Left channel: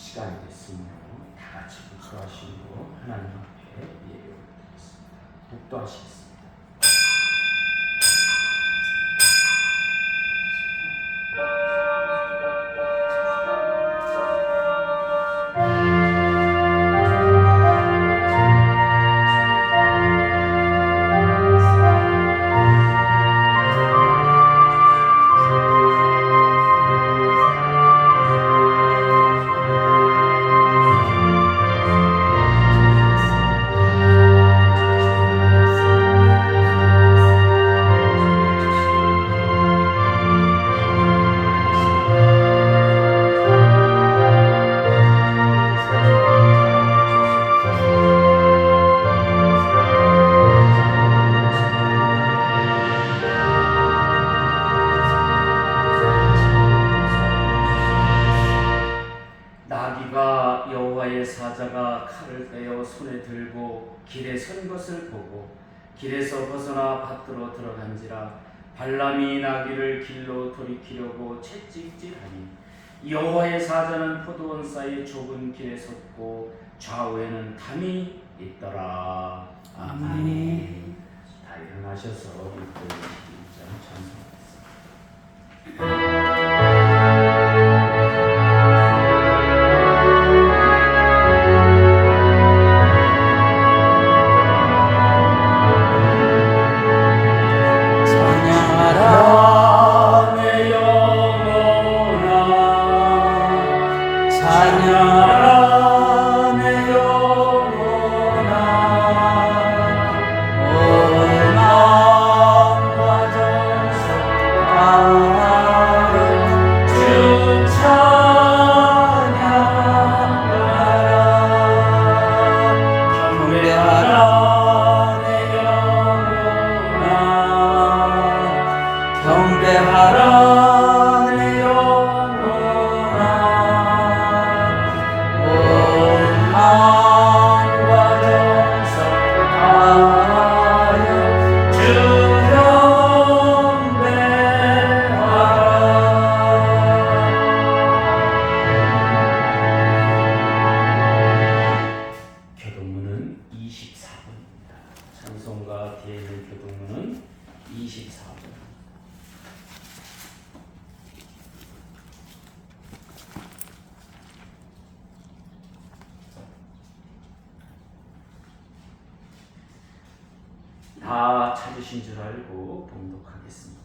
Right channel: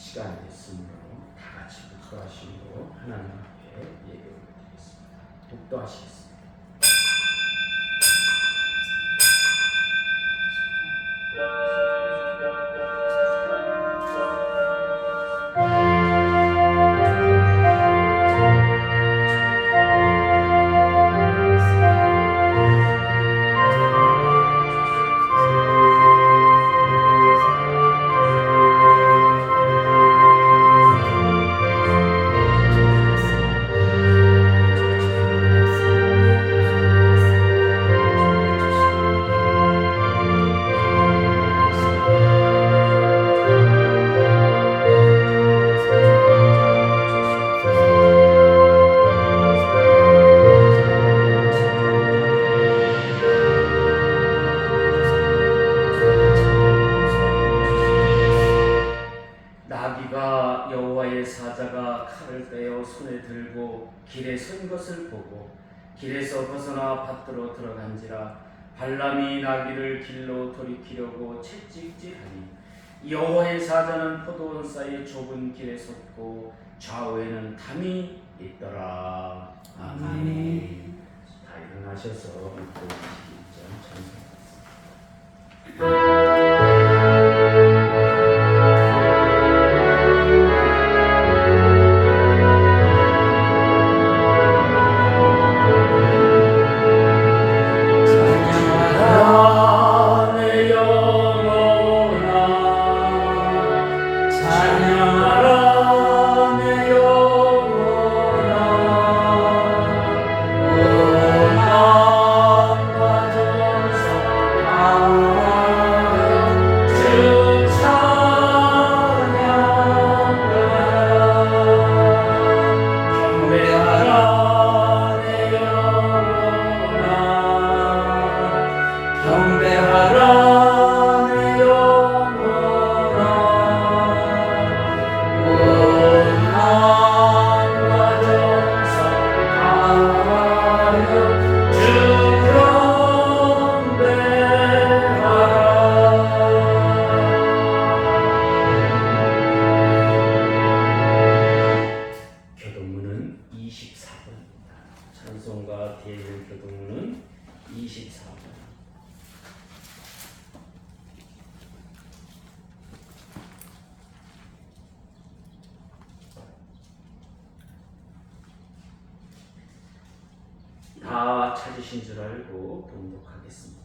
시간이 됐으므로 다 같이 묵도하시고 하나님 앞에 예배드리겠습니다. 묵도하시겠습니다. 나귀가 여호와의 사자가 칼을 떼어 손에 들고 길에 선 것을 보고 길에서 벗어나 밭으로 들어간지라. 발람이 나귀를 길로 돌이키려고 채찍질하니 여호와의 사자는 포도원 사이 좁은 길에 섰고 좌우에는 담이 있더라. 아멘. 다 일어나셔서 묵도 21장 찬송하겠습니다. 다 찾으신 줄 알고 봉독하겠습니다.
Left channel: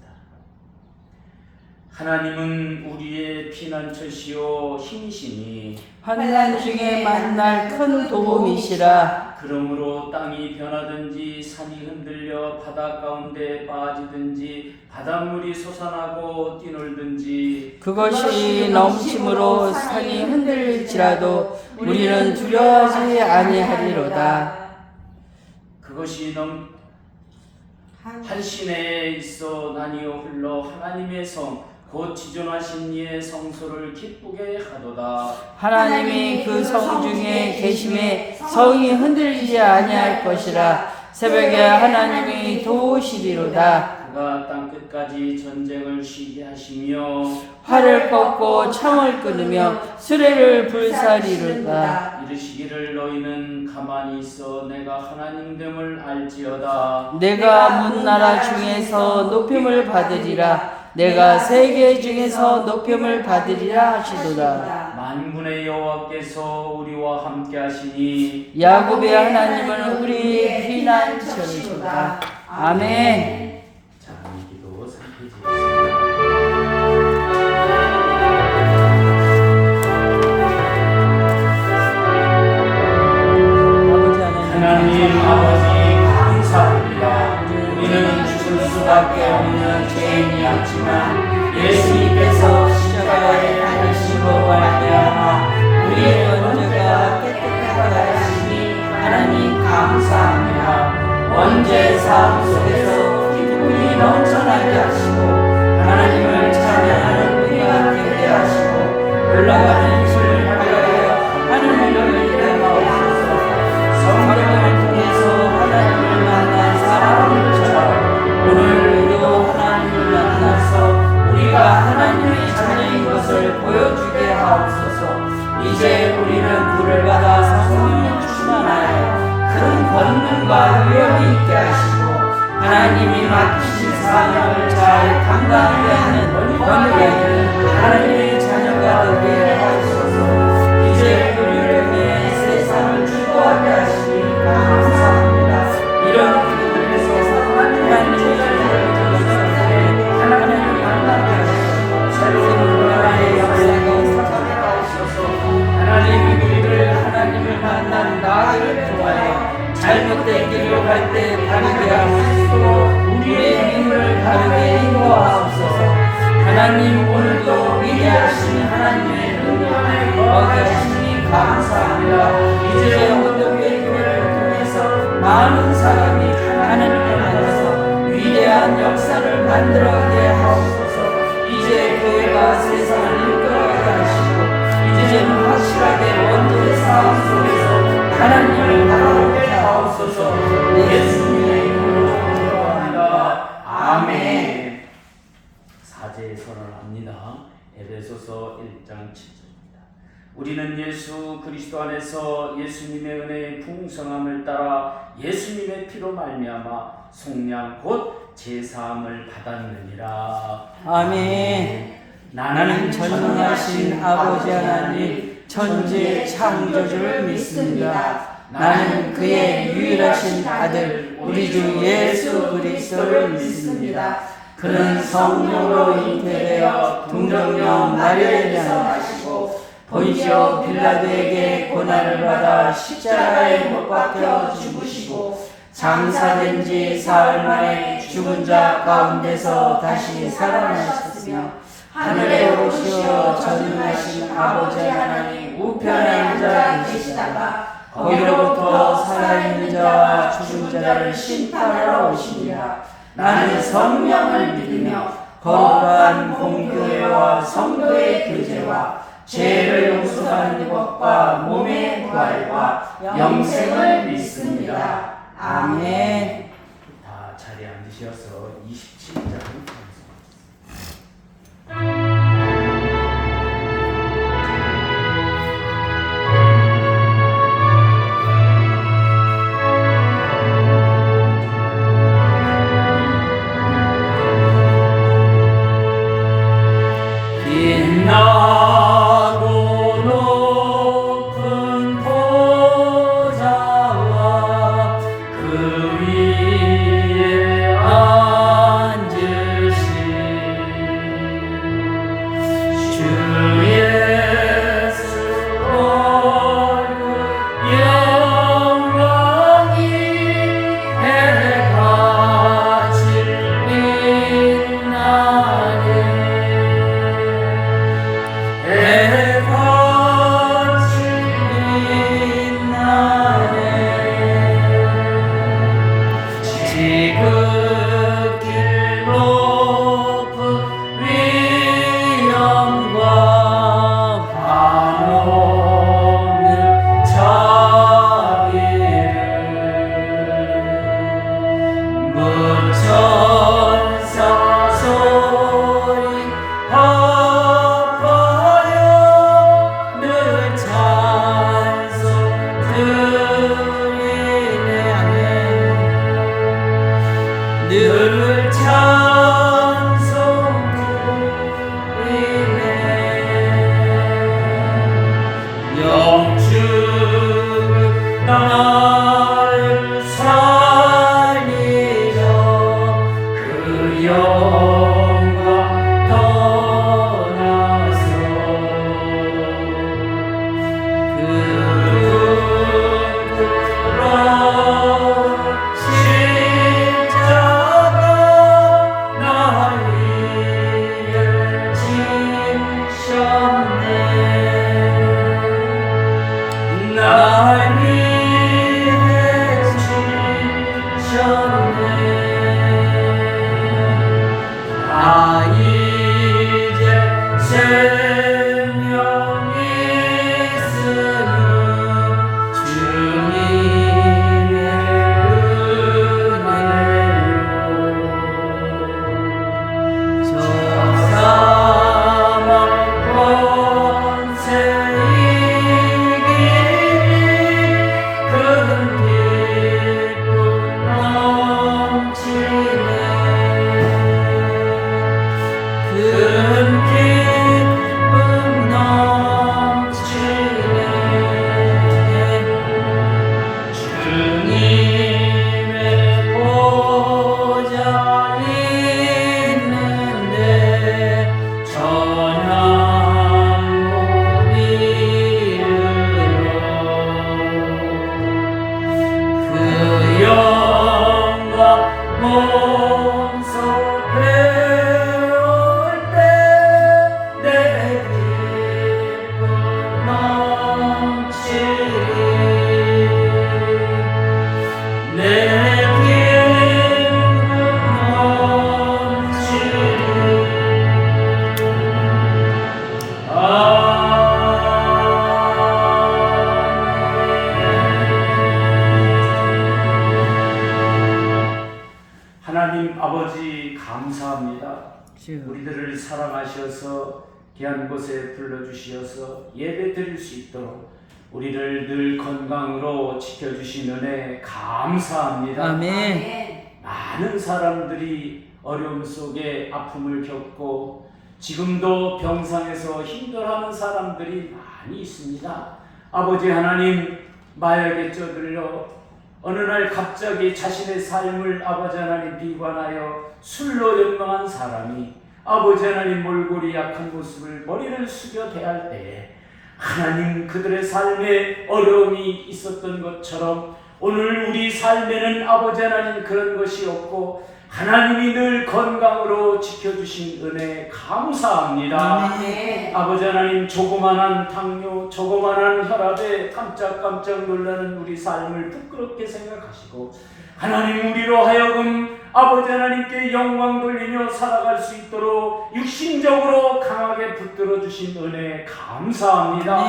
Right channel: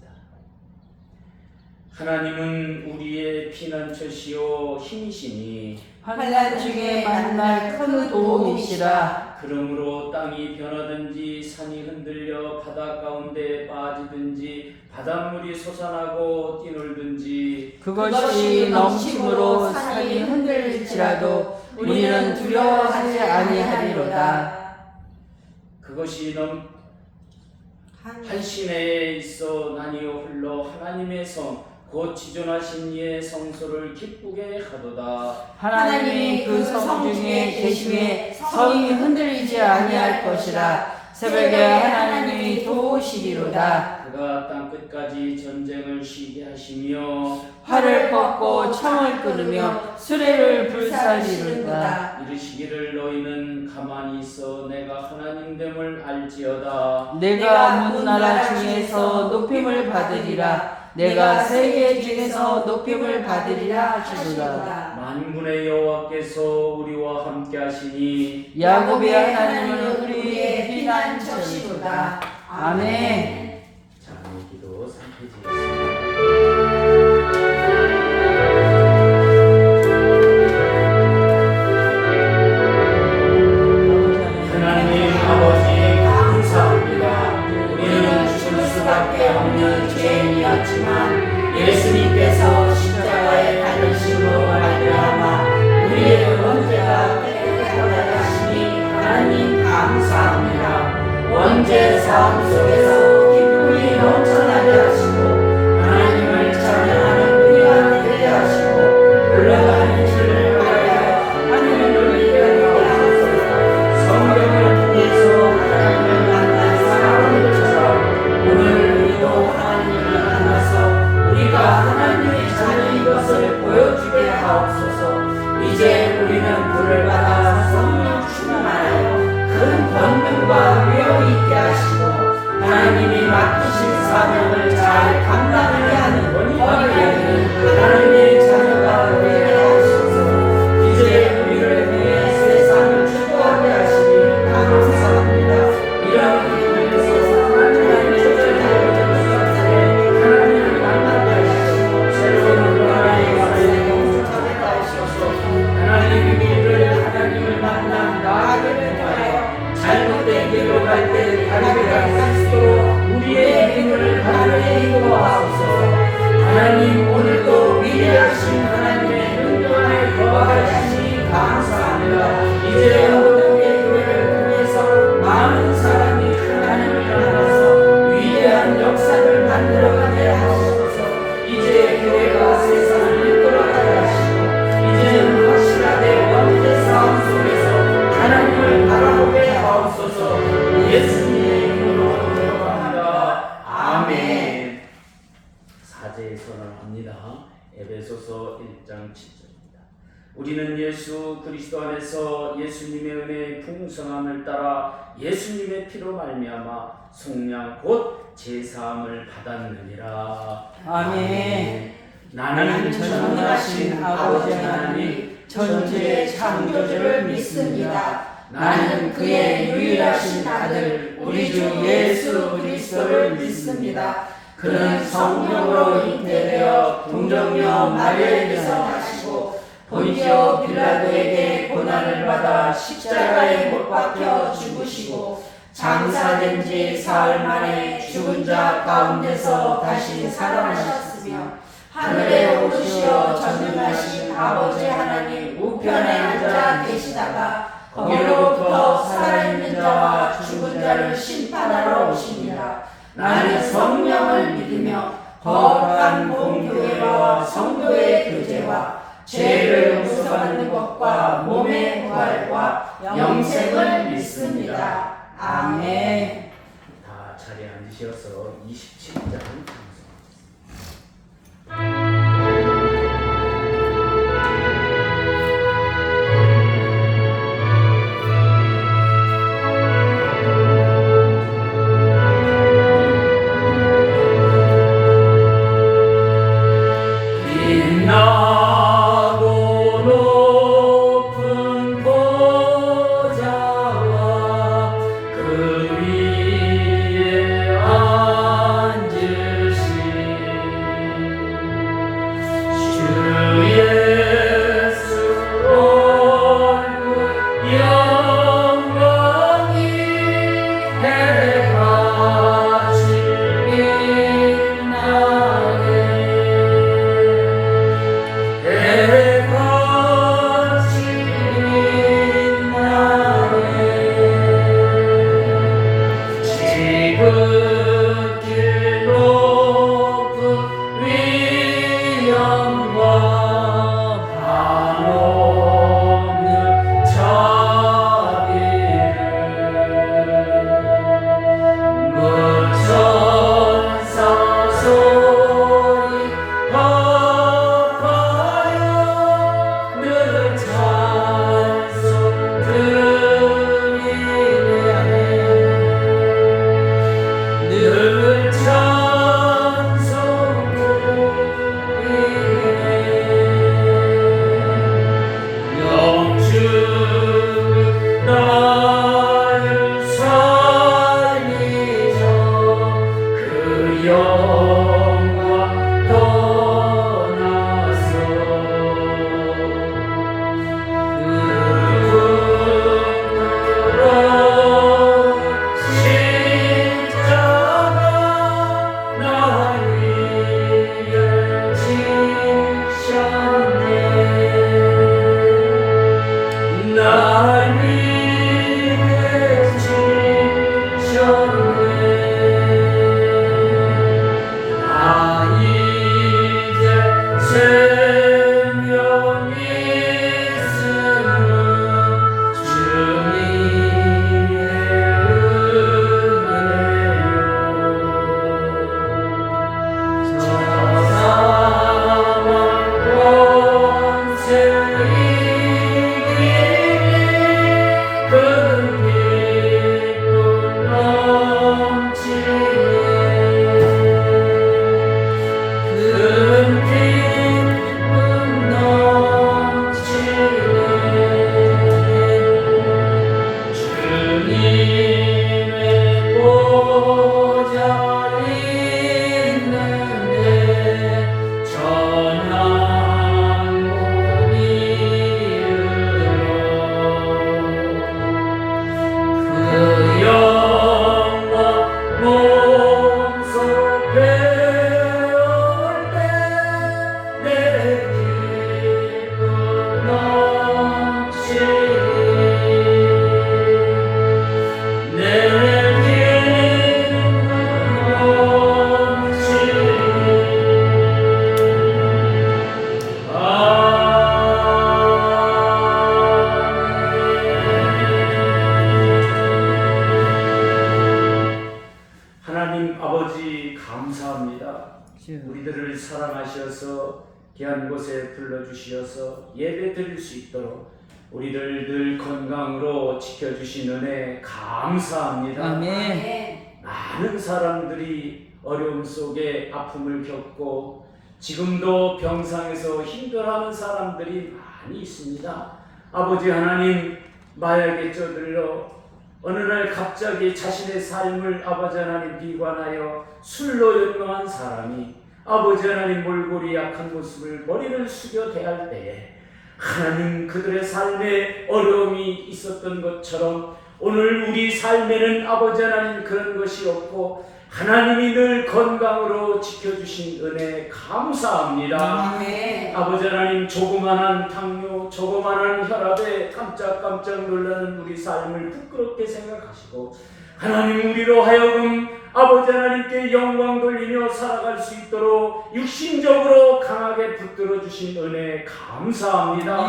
하나님은 우리의 피난처시요 힘이시니 환난 중에 만날 큰 도움이시라. 그러므로 땅이 변하든지 산이 흔들려 바다 가운데 빠지든지 바닷물이 솟아나고 뛰놀든지 그것이 넘침으로 산이 흔들릴지라도 우리는 두려워하지 아니하리로다. 그것이 한시내에 있어 나뉘어 흘러 하나님의 성 곧 지존하신 이의 성소를 기쁘게 하도다. 하나님이 그 성 중에 계심에 성이 흔들리지 아니할 것이라. 새벽에 하나님이 도우시리로다. 그가 땅 끝까지 전쟁을 쉬게 하시며 활을 꺾고 창을 끊으며 수레를 불사리로다. 이르시기를 너희는 가만히 있어 내가 하나님됨을 알지어다. 내가 문나라 중에서 높임을 받으리라. 내가 세계 중에서 높임을 받으리라 하시리라. 만군의 여호와께서 우리와 함께 하시니 야곱의 하나님은 우리의 피난처시로다. 아멘. 자, 오늘 기도 상태지겠습니다. 하나님 아버지 감사합니다. 우리는 죽을 수밖에 없는 죄인이었지만 예수님께서 십자가에 달리심으로 말미암아 우리의 원죄가 깨끗하게 하시니 하나님 감사합니다. 원죄 삶 속에서 이제 우리는 불을 받아 성령 충만하여 큰 권능과 위엄이 있게 하시고 하나님이 맡기신 사명을 잘 감당해야 하는 권위에 하나님의 자녀가 되게 하소서. 이제 우리를 위해 세상을 주도하게 하시니 감사합니다. 이런 기도에서 하나님의 자녀를 하나님을 만나게 하시고 새로운 문화의 역사에 성장하게 하소서. 하나님의 우리를 하나님을 만나 나아가게 하여 잘못된 길로 갈 때 바르게 하시고 우리의 힘을 바르게 인도하옵소서. 하나님 오늘도 위대하신 하나님의 능력을 거하시니 감사합니다. 이제 오늘의 교회를 통해서 많은 사람이 하나님을 만나서 위대한 역사를 만들어가게 하옵소서. 이제 교회가 세상을 이끌어가게 하시고 이제는 확실하게 원죄 싸움 속에서 하나님을 바라보게 하옵소서. 예수님의 이름으로 기도합니다. 아멘. 사제의 선언을 합니다. 에베소서 1장 7절입니다. 우리는 예수 그리스도 안에서 예수님의 은혜의 풍성함을 따라 예수님의 피로 말미암아 속량 곧 제사함을 받았느니라. 아멘. 나는 전능하신 아버지 하나님 천지의 창조주를 믿습니다. 나는 그의 유일하신 아들 우리 주 예수 그리스도를 믿습니다. 그는 성령으로 잉태되어 동정녀 마리아에게서 나시고 본디오 빌라도에게 고난을 받아 십자가에 못 박혀 죽으시고 장사된 지 사흘 만에 죽은 자 가운데서 다시 살아나셨으며 하늘에 오르시어 전능하신 아버지 하나님 우편에 앉아 계시다가 거기로부터 살아있는 자와 죽은 자를 심판하러 오십니다. 나는 성령을 믿으며 거룩한 공교회와 성도의 교제와 죄를 용서받는 것과 몸의 부활과 영생을 믿습니다. 아멘. 다 자리에 앉으셔서 27장 그 위에 앉으신 우리들을 사랑하셔서 귀한 곳에 불러주시어서 예배 드릴 수 있도록 우리를 늘 건강으로 지켜주신 은혜 감사합니다. 아멘. 많은 사람들이 어려움 속에 아픔을 겪고 지금도 병상에서 힘들어하는 사람들이 많이 있습니다. 아버지 하나님, 마약에 쪄들려 어느 날 갑자기 자신의 삶을 아버지 하나님 비관하여 술로 연망한 사람이 아버지 하나님 몰골이 약한 모습을 머리를 숙여 대할 때에 하나님 그들의 삶에 어려움이 있었던 것처럼 오늘 우리 삶에는 아버지 하나님 그런 것이 없고 하나님이 늘 건강으로 지켜주신 은혜 감사합니다. 아버지 하나님, 조그만한 당뇨, 조그만한 혈압에 깜짝깜짝 놀라는 우리 삶을 부끄럽게 생각하시고 하나님 우리로 하여금 아버지 하나님께 영광 돌리며 살아갈 수 있도록 육신적으로 강하게 붙들어 주신 은혜 감사합니다.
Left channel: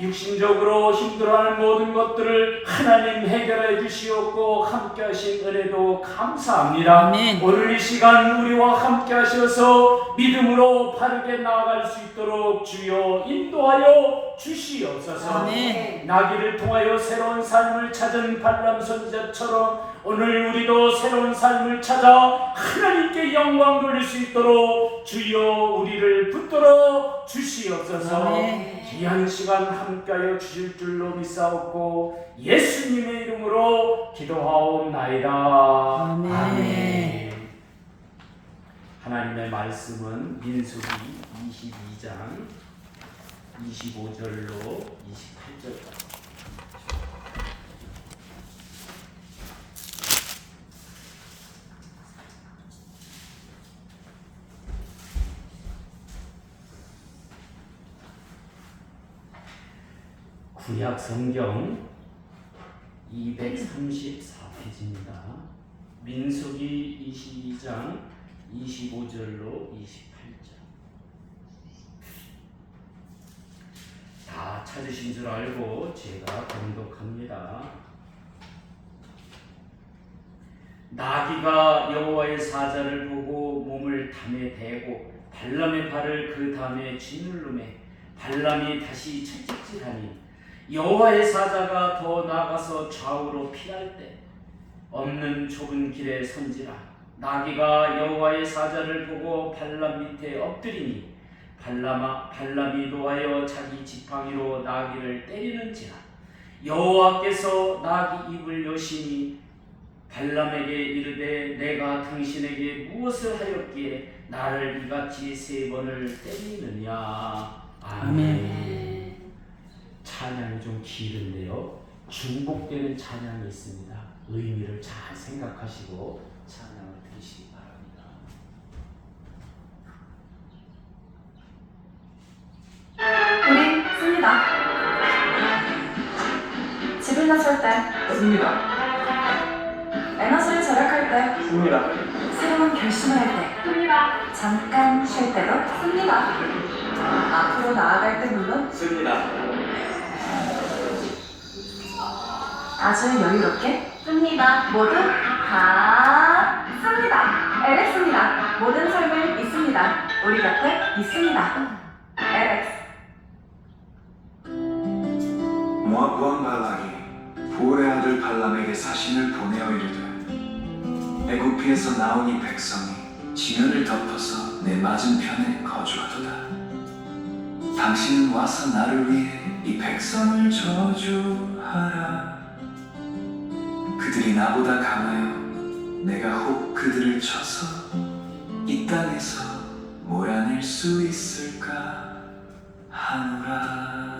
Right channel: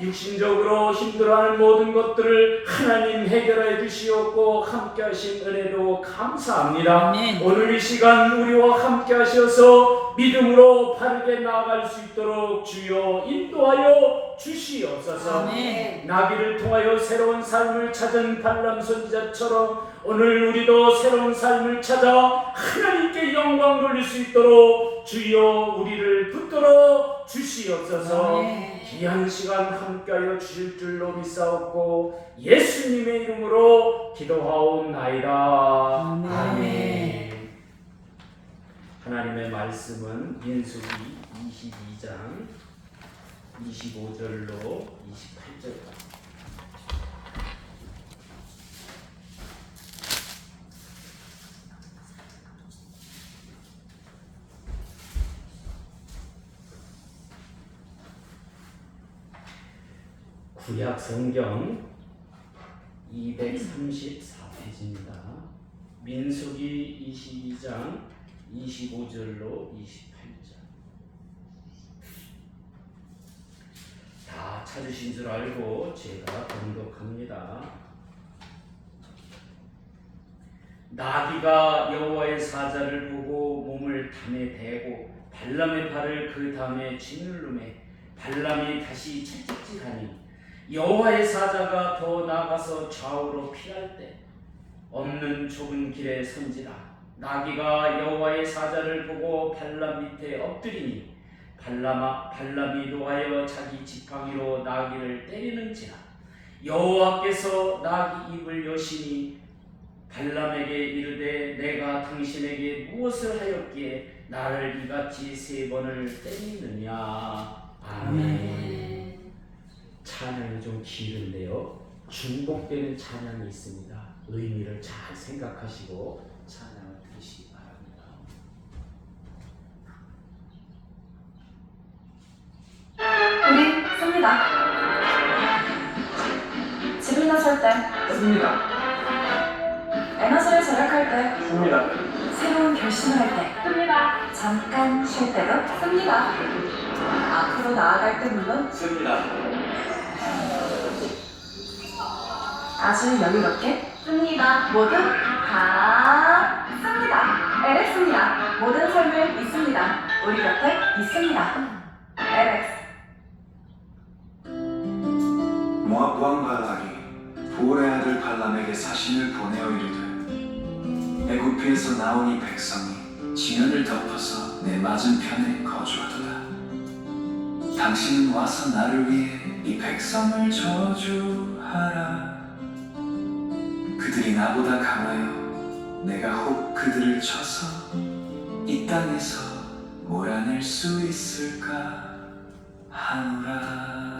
육신적으로 힘들어하는 모든 것들을 하나님 해결해 주시었고 함께 하신 은혜도 감사합니다. 오늘 이 시간 우리와 함께 하셔서 믿음으로 바르게 나아갈 수 있도록 주여 인도하여 주시옵소서. 나귀를 통하여 새로운 삶을 찾은 발람 선지자처럼 오늘 우리도 새로운 삶을 찾아 하나님께 영광 돌릴 수 있도록 주여 우리를 붙들어 주시옵소서. 귀한 시간 함께하여 주실 줄로 믿사옵고 예수님의 이름으로 기도하옵나이다. 아멘. 하나님의 말씀은 민수기 22장 25절로 28절까지. 구약 성경 234페이지입니다. 민수기 22장 25절로 28절. 다 찾으신 줄 알고 제가 봉독합니다. 나귀가 여호와의 사자를 보고 몸을 담에 대고 발람의 발을 그 담에 짓누르매 발람이 다시 채찍질하니 여호와의 사자가 더 나아가서 좌우로 피할 때 없는 좁은 길에 선지라. 나귀가 여호와의 사자를 보고 발람 밑에 엎드리니 발람이 노하여 자기 지팡이로 나귀를 때리는지라. 여호와께서 나귀 입을 여시니 발람에게 이르되 내가 당신에게 무엇을 하였기에 나를 이같이 3번을 때리느냐. 아멘. 찬양이 좀 길은데요, 중복되는 찬양이 있습니다. 의미를 잘 생각하시고 찬양을 드리시기 바랍니다. 우리 씁니다. 집을 나설 때 씁니다. 에너지를 절약할 때 씁니다. 새로운 결심을 할 때 씁니다. 잠깐 쉴 때도 씁니다. 앞으로 나아갈 때 물론 씁니다. 아주 여유롭게 씁니다. 모두 다 씁니다. LX입니다. 모든 삶을 믿습니다. 우리 곁에 있습니다. LX. 모압 왕 발락이 부올의 아들 발람에게 사신을 보내어 이르되 애굽에서 나온 이 백성이 지면을 덮어서 내 맞은편에 거주하도다. 당신은 와서 나를 위해 이 백성을 저주하라. 그들이 나보다 강하여 내가 혹 그들을 쳐서 이 땅에서 몰아낼 수 있을까 하노라.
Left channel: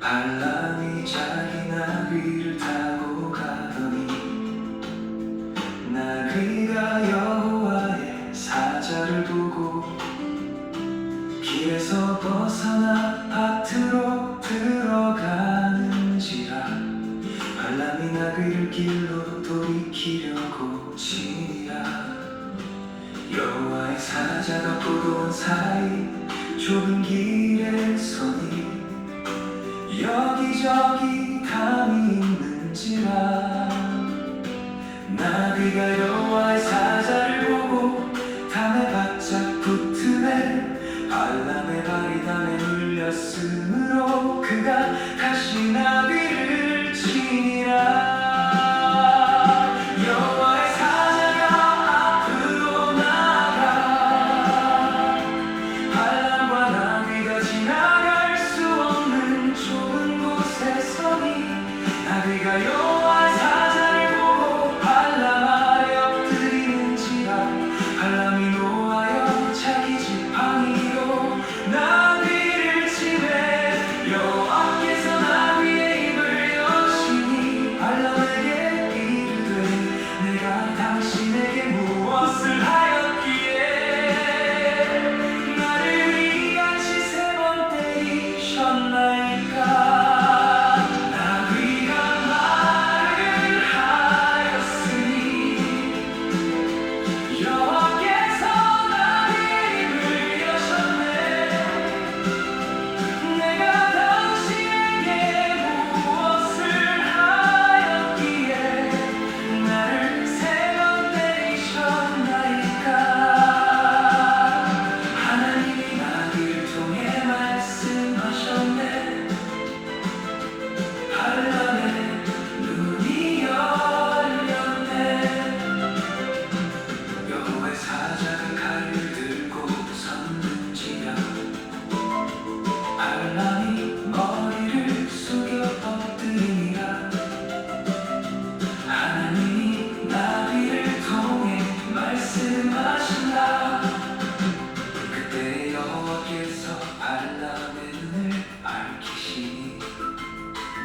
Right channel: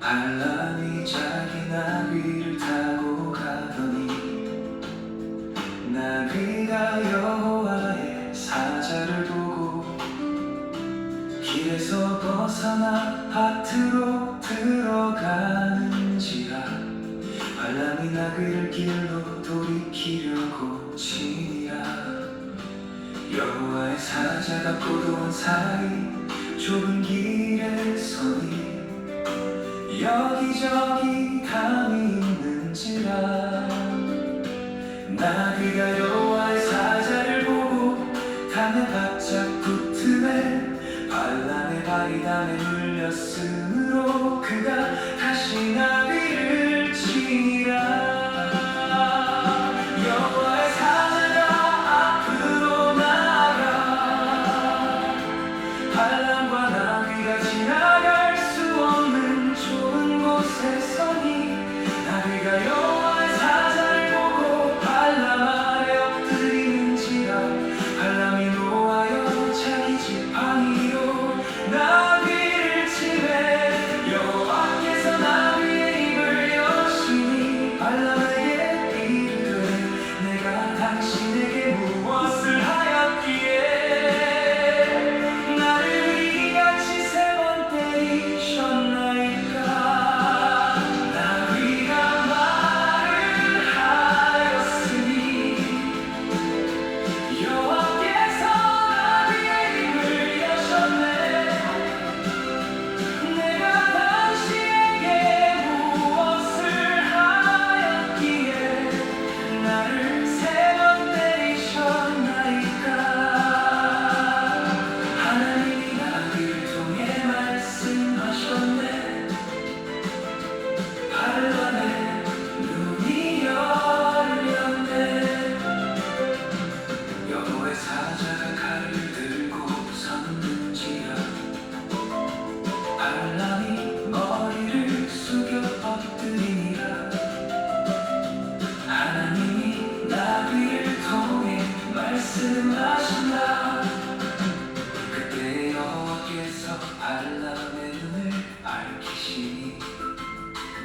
발람이 자기 나귀를 타고 가더니 나귀가 여호와의 사자를 보고 길에서 벗어나 밭으로 들어가는지라. 발람이 나귀를 길로 돌이키려고 치니라. 여호와의 사자가 포도원 사이 좁은 길에 서니 여기저기 담이 있는지라. 나귀가 여호와의 사자를 보고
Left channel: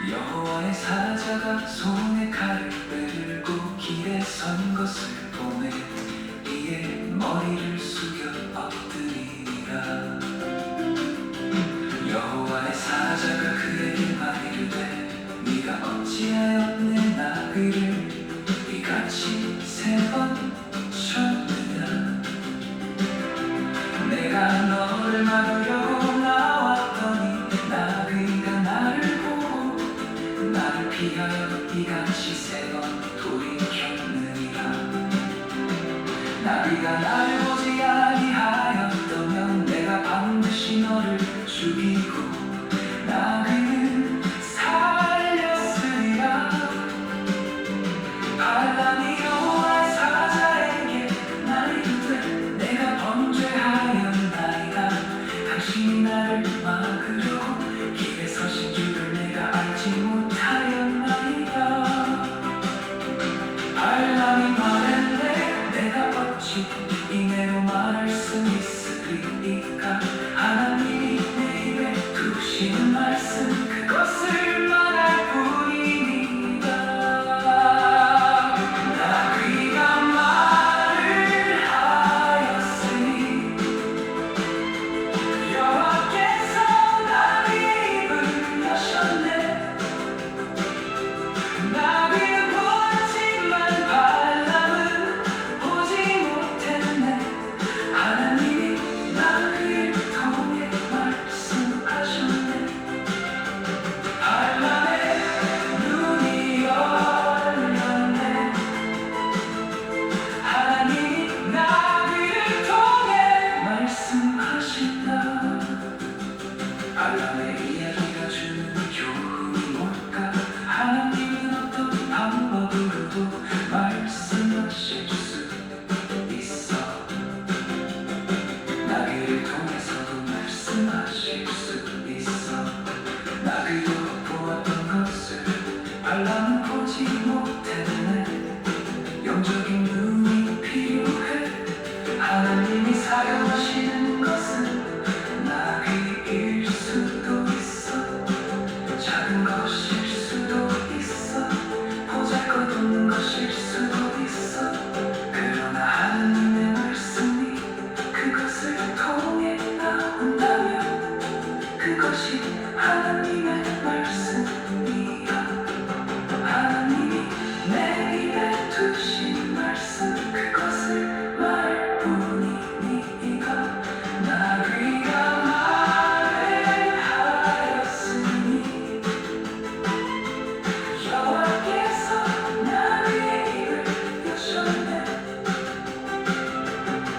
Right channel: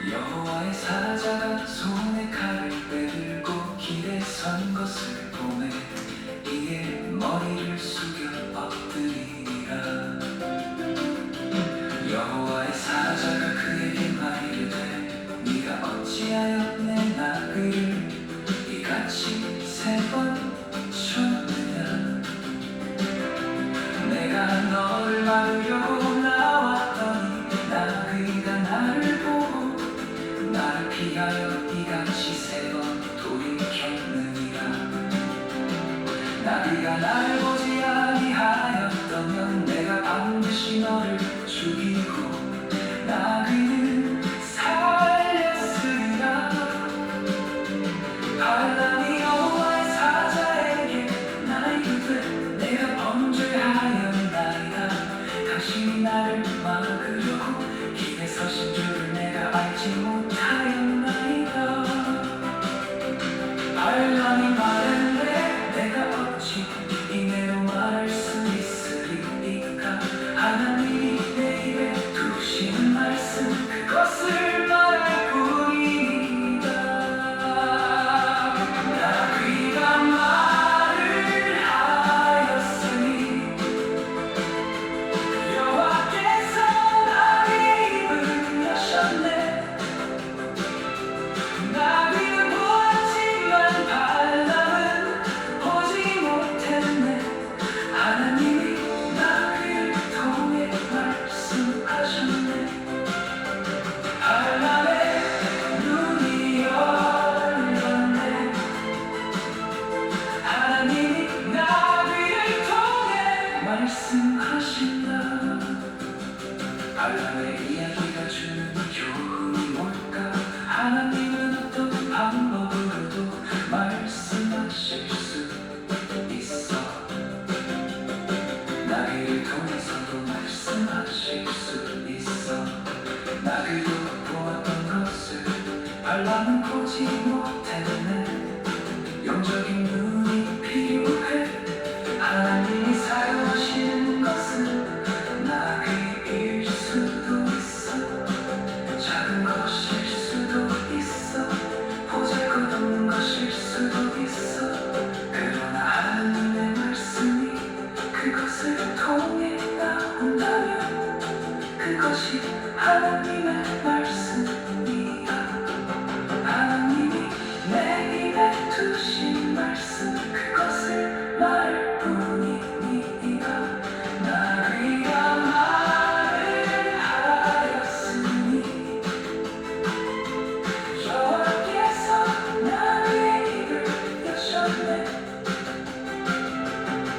여호와의 사자가 손에 칼을 빼들고 길에 선 것을 보매 이에 머리를 숙여 엎드리니라. 여호와의 사자가 그에게 말이르되 네가 어찌하여 내 나귀를 이같이 3번 쳤느냐. 내가 너를 막으려고 나왔더니 나귀가 나를 보고 나를 피하여 이같이 3번 돌이켰느니라. 나귀가 나를 보지 아니하였더면 내가 반드시 너를 죽이고 나귀는 살렸으리라. 반란이 여호와의 사자에게 나이르되 내가 범죄하였나이다. 당신이 나를 막으려고 길에 서신 줄을 내가 알지 못하였나이다. 반란이 말했네 내가 어찌 이내로 말할 수 있으리이까. 하나님이 내 입에 두신 말씀 그것을 말할 뿐이니라. 나귀가 말을 하였으니 여호와께서 나귀의 입을 여셨네. 나귀는 보았지만 발람은 보지 못했네. 하나님이 나귀를 통해 말씀하셨네. 발람의 눈이 열렸네. 하나님이 나귀를 통해 말씀하신다. 발람의 이야기가 주는 교훈이 뭘까? 하나님은 어떤 방법으로도 말씀하실 수 있어. 나귀를 통해서도 말씀하실 수 있어. 나귀도 보았던 것을 발람은 보지 못했네. 영적인 눈이 필요해. 하나님이 사용하시는 것은 나귀일 수도 있어. 작은 것일 수도 있어. 보잘것없는 것일 수도 있어. 그러나 하나님의 말씀이 그것을 통해 나온다면 그것이 하나님의 말씀이야. 하나님이 내 입에 두신 말씀 그것을 말할 뿐이니라. 나귀가 말을 하였으니 여호와께서 나귀의 입을 여셨네.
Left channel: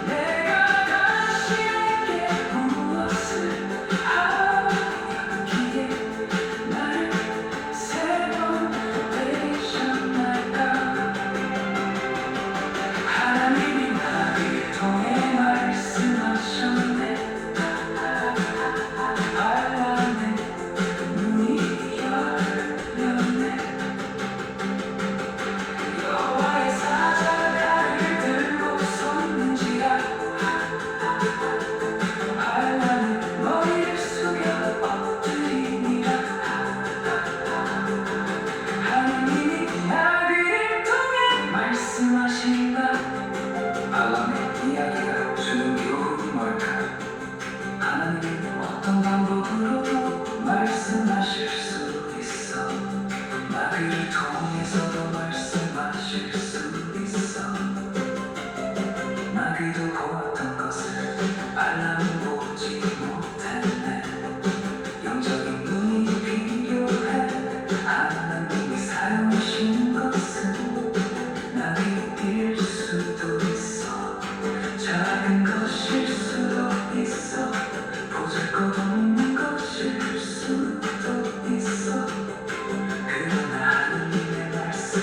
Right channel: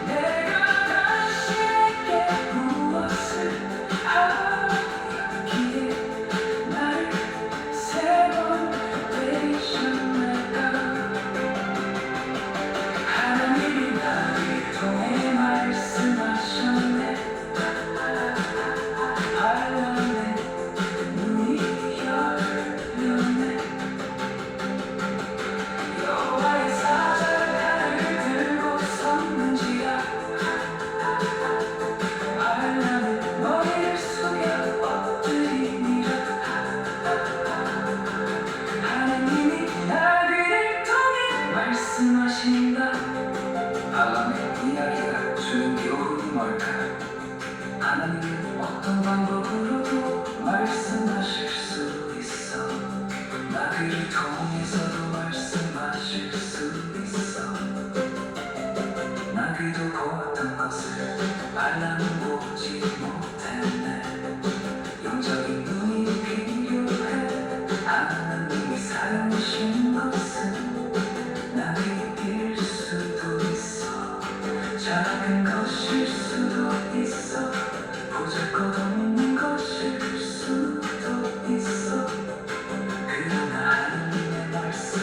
내가 당신에게 무엇을 하였기에 나를 3번 때리셨나이까. 하나님이 나를 통해 말씀하셨네. 발람의 눈이 열렸네. 여호와의 사자가 나를 들고 섰는지라. 발람의 머리를 숙여 엎드리니라. 하나님이 나귀를 통해 말씀하신다. 발람의 이야기가 주는 교훈이 뭘까? 하나님은 어떤 방법으로도 말씀하실 수 있어. 나귀를 통해서도 말씀하실 수 있어. 나귀도 보았던 것을 발람은 보지 못했네. 영적인 눈이 필요해. 하나님이 사용하시는 것은 나귀일 수도 있어. 작은 것일 수도 있어. 보잘것없는 것일 수도 있어. 그러나 하나님의 말씀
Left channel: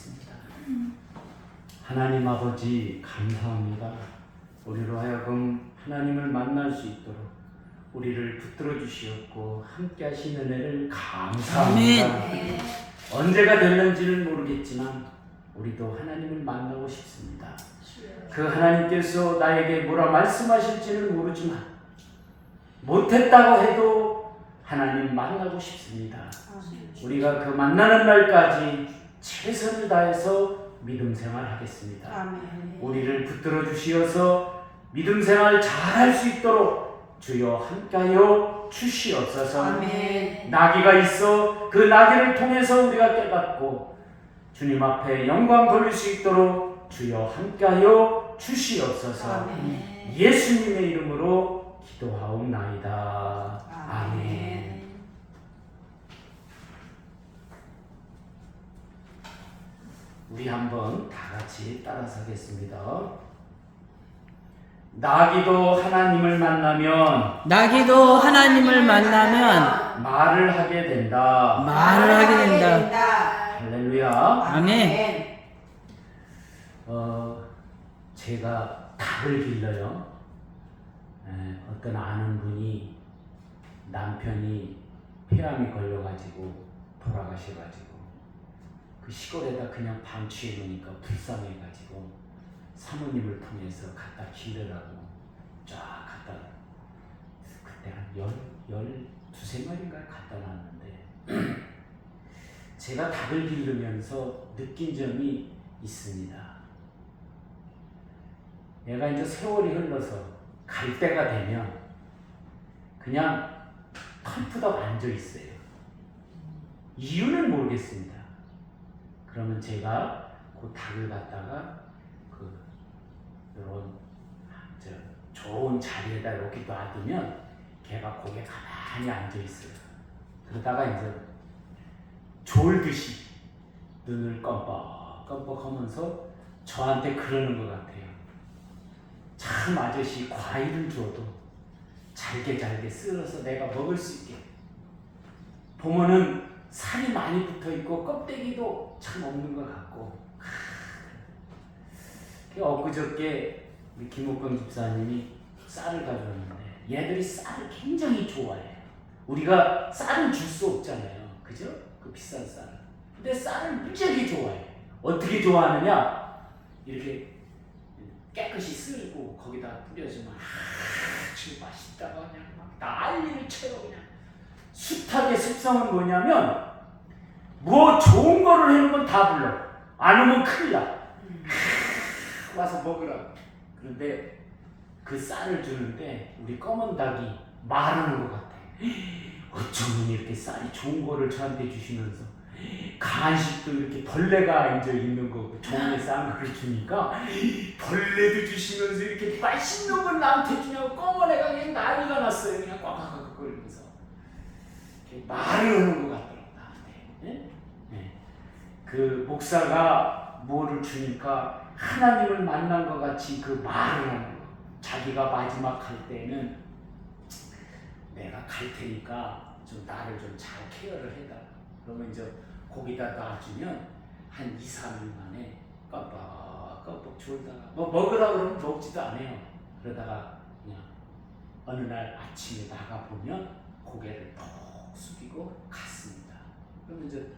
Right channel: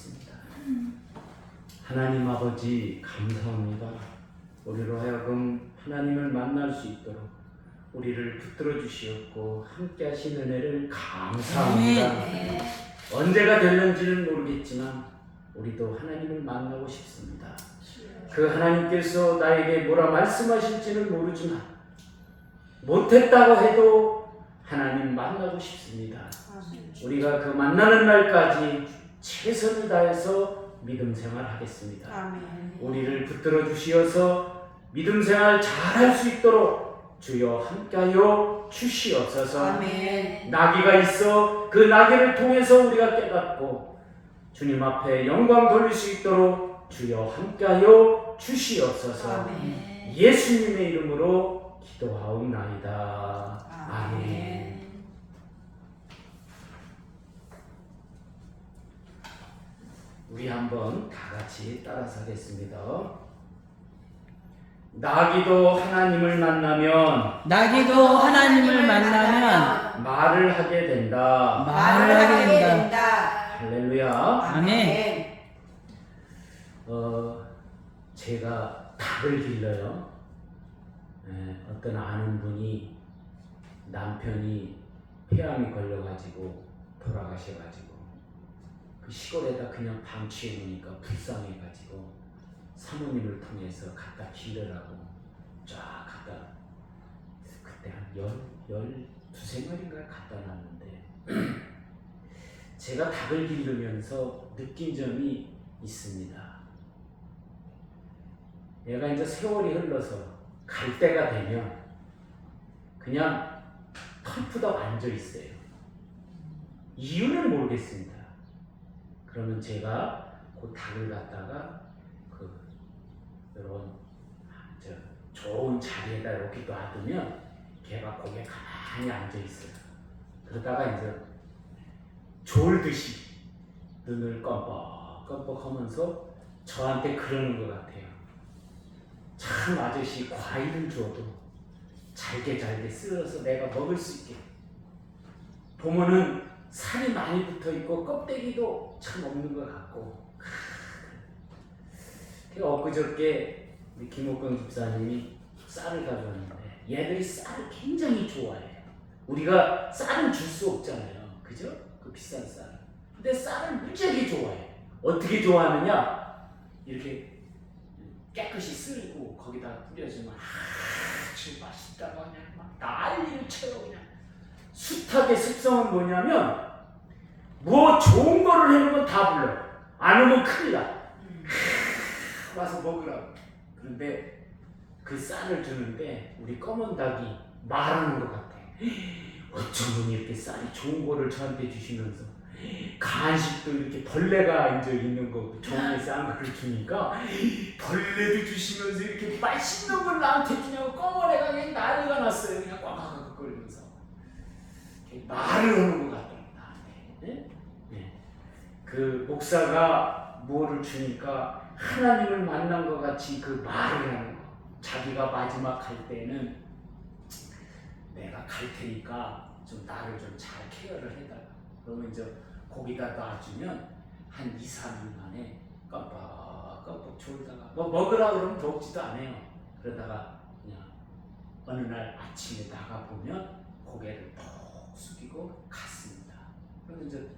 기도하겠습니다. 하나님 아버지 감사합니다. 우리로 하여금 하나님을 만날 수 있도록 우리를 붙들어 주시었고 함께 하신 은혜를 감사합니다. 언제가 될는지는 모르겠지만 우리도 하나님을 만나고 싶습니다. 그 하나님께서 나에게 뭐라 말씀하실지는 모르지만 못했다고 해도 하나님 만나고 싶습니다. 우리가 그 만나는 날까지 최선을 다해서 믿음 생활하겠습니다. 우리를 붙들어 주시어서 믿음 생활 잘할 수 있도록 주여 함께하여 주시옵소서. 나귀가 있어 그 나귀를 통해서 우리가 깨닫고 주님 앞에 영광 돌릴 수 있도록 주여 함께하여 주시옵소서. 예수님의 이름으로 기도하옵나이다. 아멘. 우리 한번 다 같이 따라서겠습니다. 나귀도 하나님을 만나면 말을 하게 된다. 할렐루야. 아멘. 제가 닭을 길러요. 어떤 아는 분이 남편이 폐암이 걸려가지고 돌아가셔가지고 그 시골에다 그냥 방치해 놓으니까 불쌍해가지고 사모님을 통해서 갖다 기르라고 쫙 갖다, 그때 한 12~13마리인가 갖다 놨는데 제가 닭을 기르면서 느낀 점이 있습니다. 얘가 이제 세월이 흘러서 갈 때가 되면 그냥 털푸덕 앉아 있어요. 이유는 모르겠습니다. 그러면 제가 그 닭을 갖다가 이런 좋은 자리에다 이렇게 놔두면 걔가 거기에 가만히 앉아 있어요. 그러다가 이제 졸듯이 눈을 껌뻑껌뻑 하면서 저한테 그러는 것 같아요. 참 아저씨 과일을 줘도 잘게 썰어서 내가 먹을 수 있게. 보면은 살이 많이 붙어 있고 껍데기도 참 없는 것 같고. 엊그저께 우리 김옥경 집사님이 쌀을 가져왔는데 얘들이 쌀을 굉장히 좋아해요. 우리가 쌀은 줄 수 없잖아요. 그죠? 그 비싼 쌀. 근데 쌀을 무지하게 좋아해요. 어떻게 좋아하느냐? 이렇게 깨끗이 쓸고 거기다 뿌려주면 아주 맛있다고 그냥 막 난리를 쳐요. 그냥 숱하게 습성은 뭐냐면 뭐 좋은 거를 해놓으면 다 불러. 안 오면 큰일 나. 와서 먹으라고. 그런데 그 쌀을 주는데 우리 검은 닭이 말하는 것 같아. 어쩌면 이렇게 쌀이 좋은 거를 저한테 주시면서 간식도 이렇게 벌레가 이제 있는 거 좋은 게 싼 거를 주니까 벌레도 주시면서 이렇게 맛있는 걸 나한테 주냐고 검은 애가 그냥 난리가 났어요. 그냥 꽉꽉거리면서 말을 하는 것 같더라고 나한테. 네? 네. 그 목사가 뭐를 주니까 하나님을 만난 것 같이 그 말을 하는 거. 자기가 마지막 갈 때는 내가 갈 테니까 좀 나를 좀 잘 케어를 해달라. 그러면 이제 거기다 놔주면 한 2~3일 만에 껌뻑껌뻑 졸다가 뭐 먹으라 그러면 먹지도 않아요. 그러다가 그냥 어느 날 아침에 나가 보면 고개를 푹 숙이고 갔습니다. 그러면 이제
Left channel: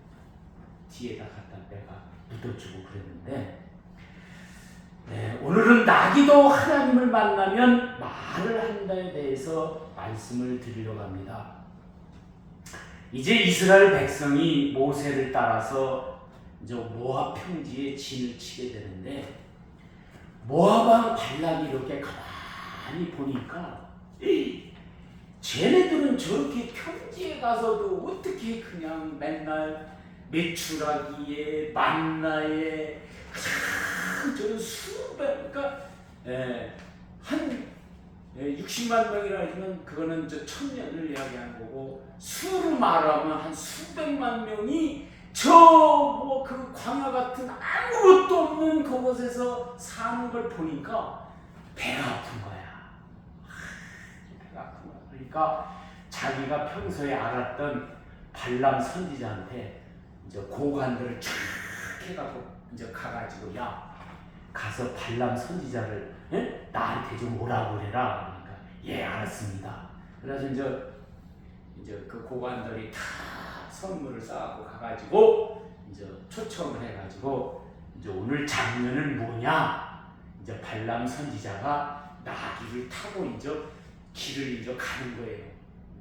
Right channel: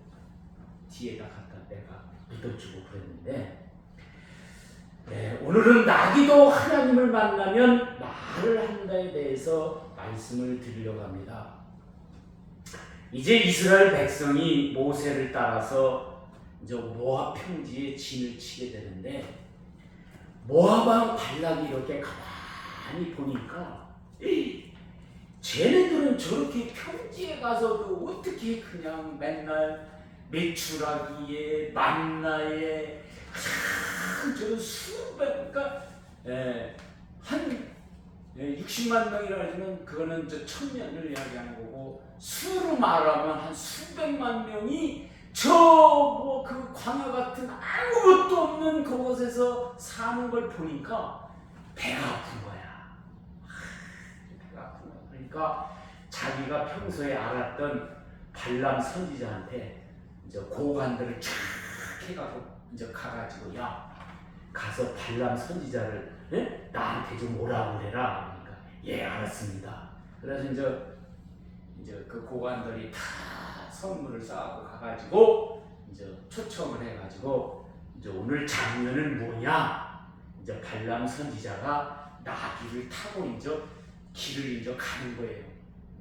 뒤에다 갖다 내가 묻어주고 그랬는데. 네, 오늘은 나귀도 하나님을 만나면 말을 한다에 대해서 말씀을 드리려고 합니다. 이제 이스라엘 백성이 모세를 따라서 이제 모압 평지에 진을 치게 되는데 모압 왕 발락이 이렇게 가만히 보니까 쟤네들은 저렇게 평지에 가서도 어떻게 그냥 맨날 메추라기에 만나에 저 수백, 그러니까 한 60만 명이라 하면 그거는 저 1000년을 이야기하는 거고 수로 말하면 한 수백만 명이 저 뭐 그 광야 같은 아무것도 없는 그곳에서 사는 걸 보니까 배가 아픈 거야. 배가 아픈 거야. 그러니까 자기가 평소에 알았던 발람 선지자한테 이제 고관들을 쫙 해가고 이제 가가지고 야 가서 발람 선지자를 나한테 좀 오라고 그래라. 그러니까 예 알았습니다. 그래서 이제 그 고관들이 다 선물을 쌓고 가가지고 이제 초청을 해가지고 이제 오늘 장면은 뭐냐? 이제 발람 선지자가 나귀를 타고 이제 길을 이제 가는 거예요.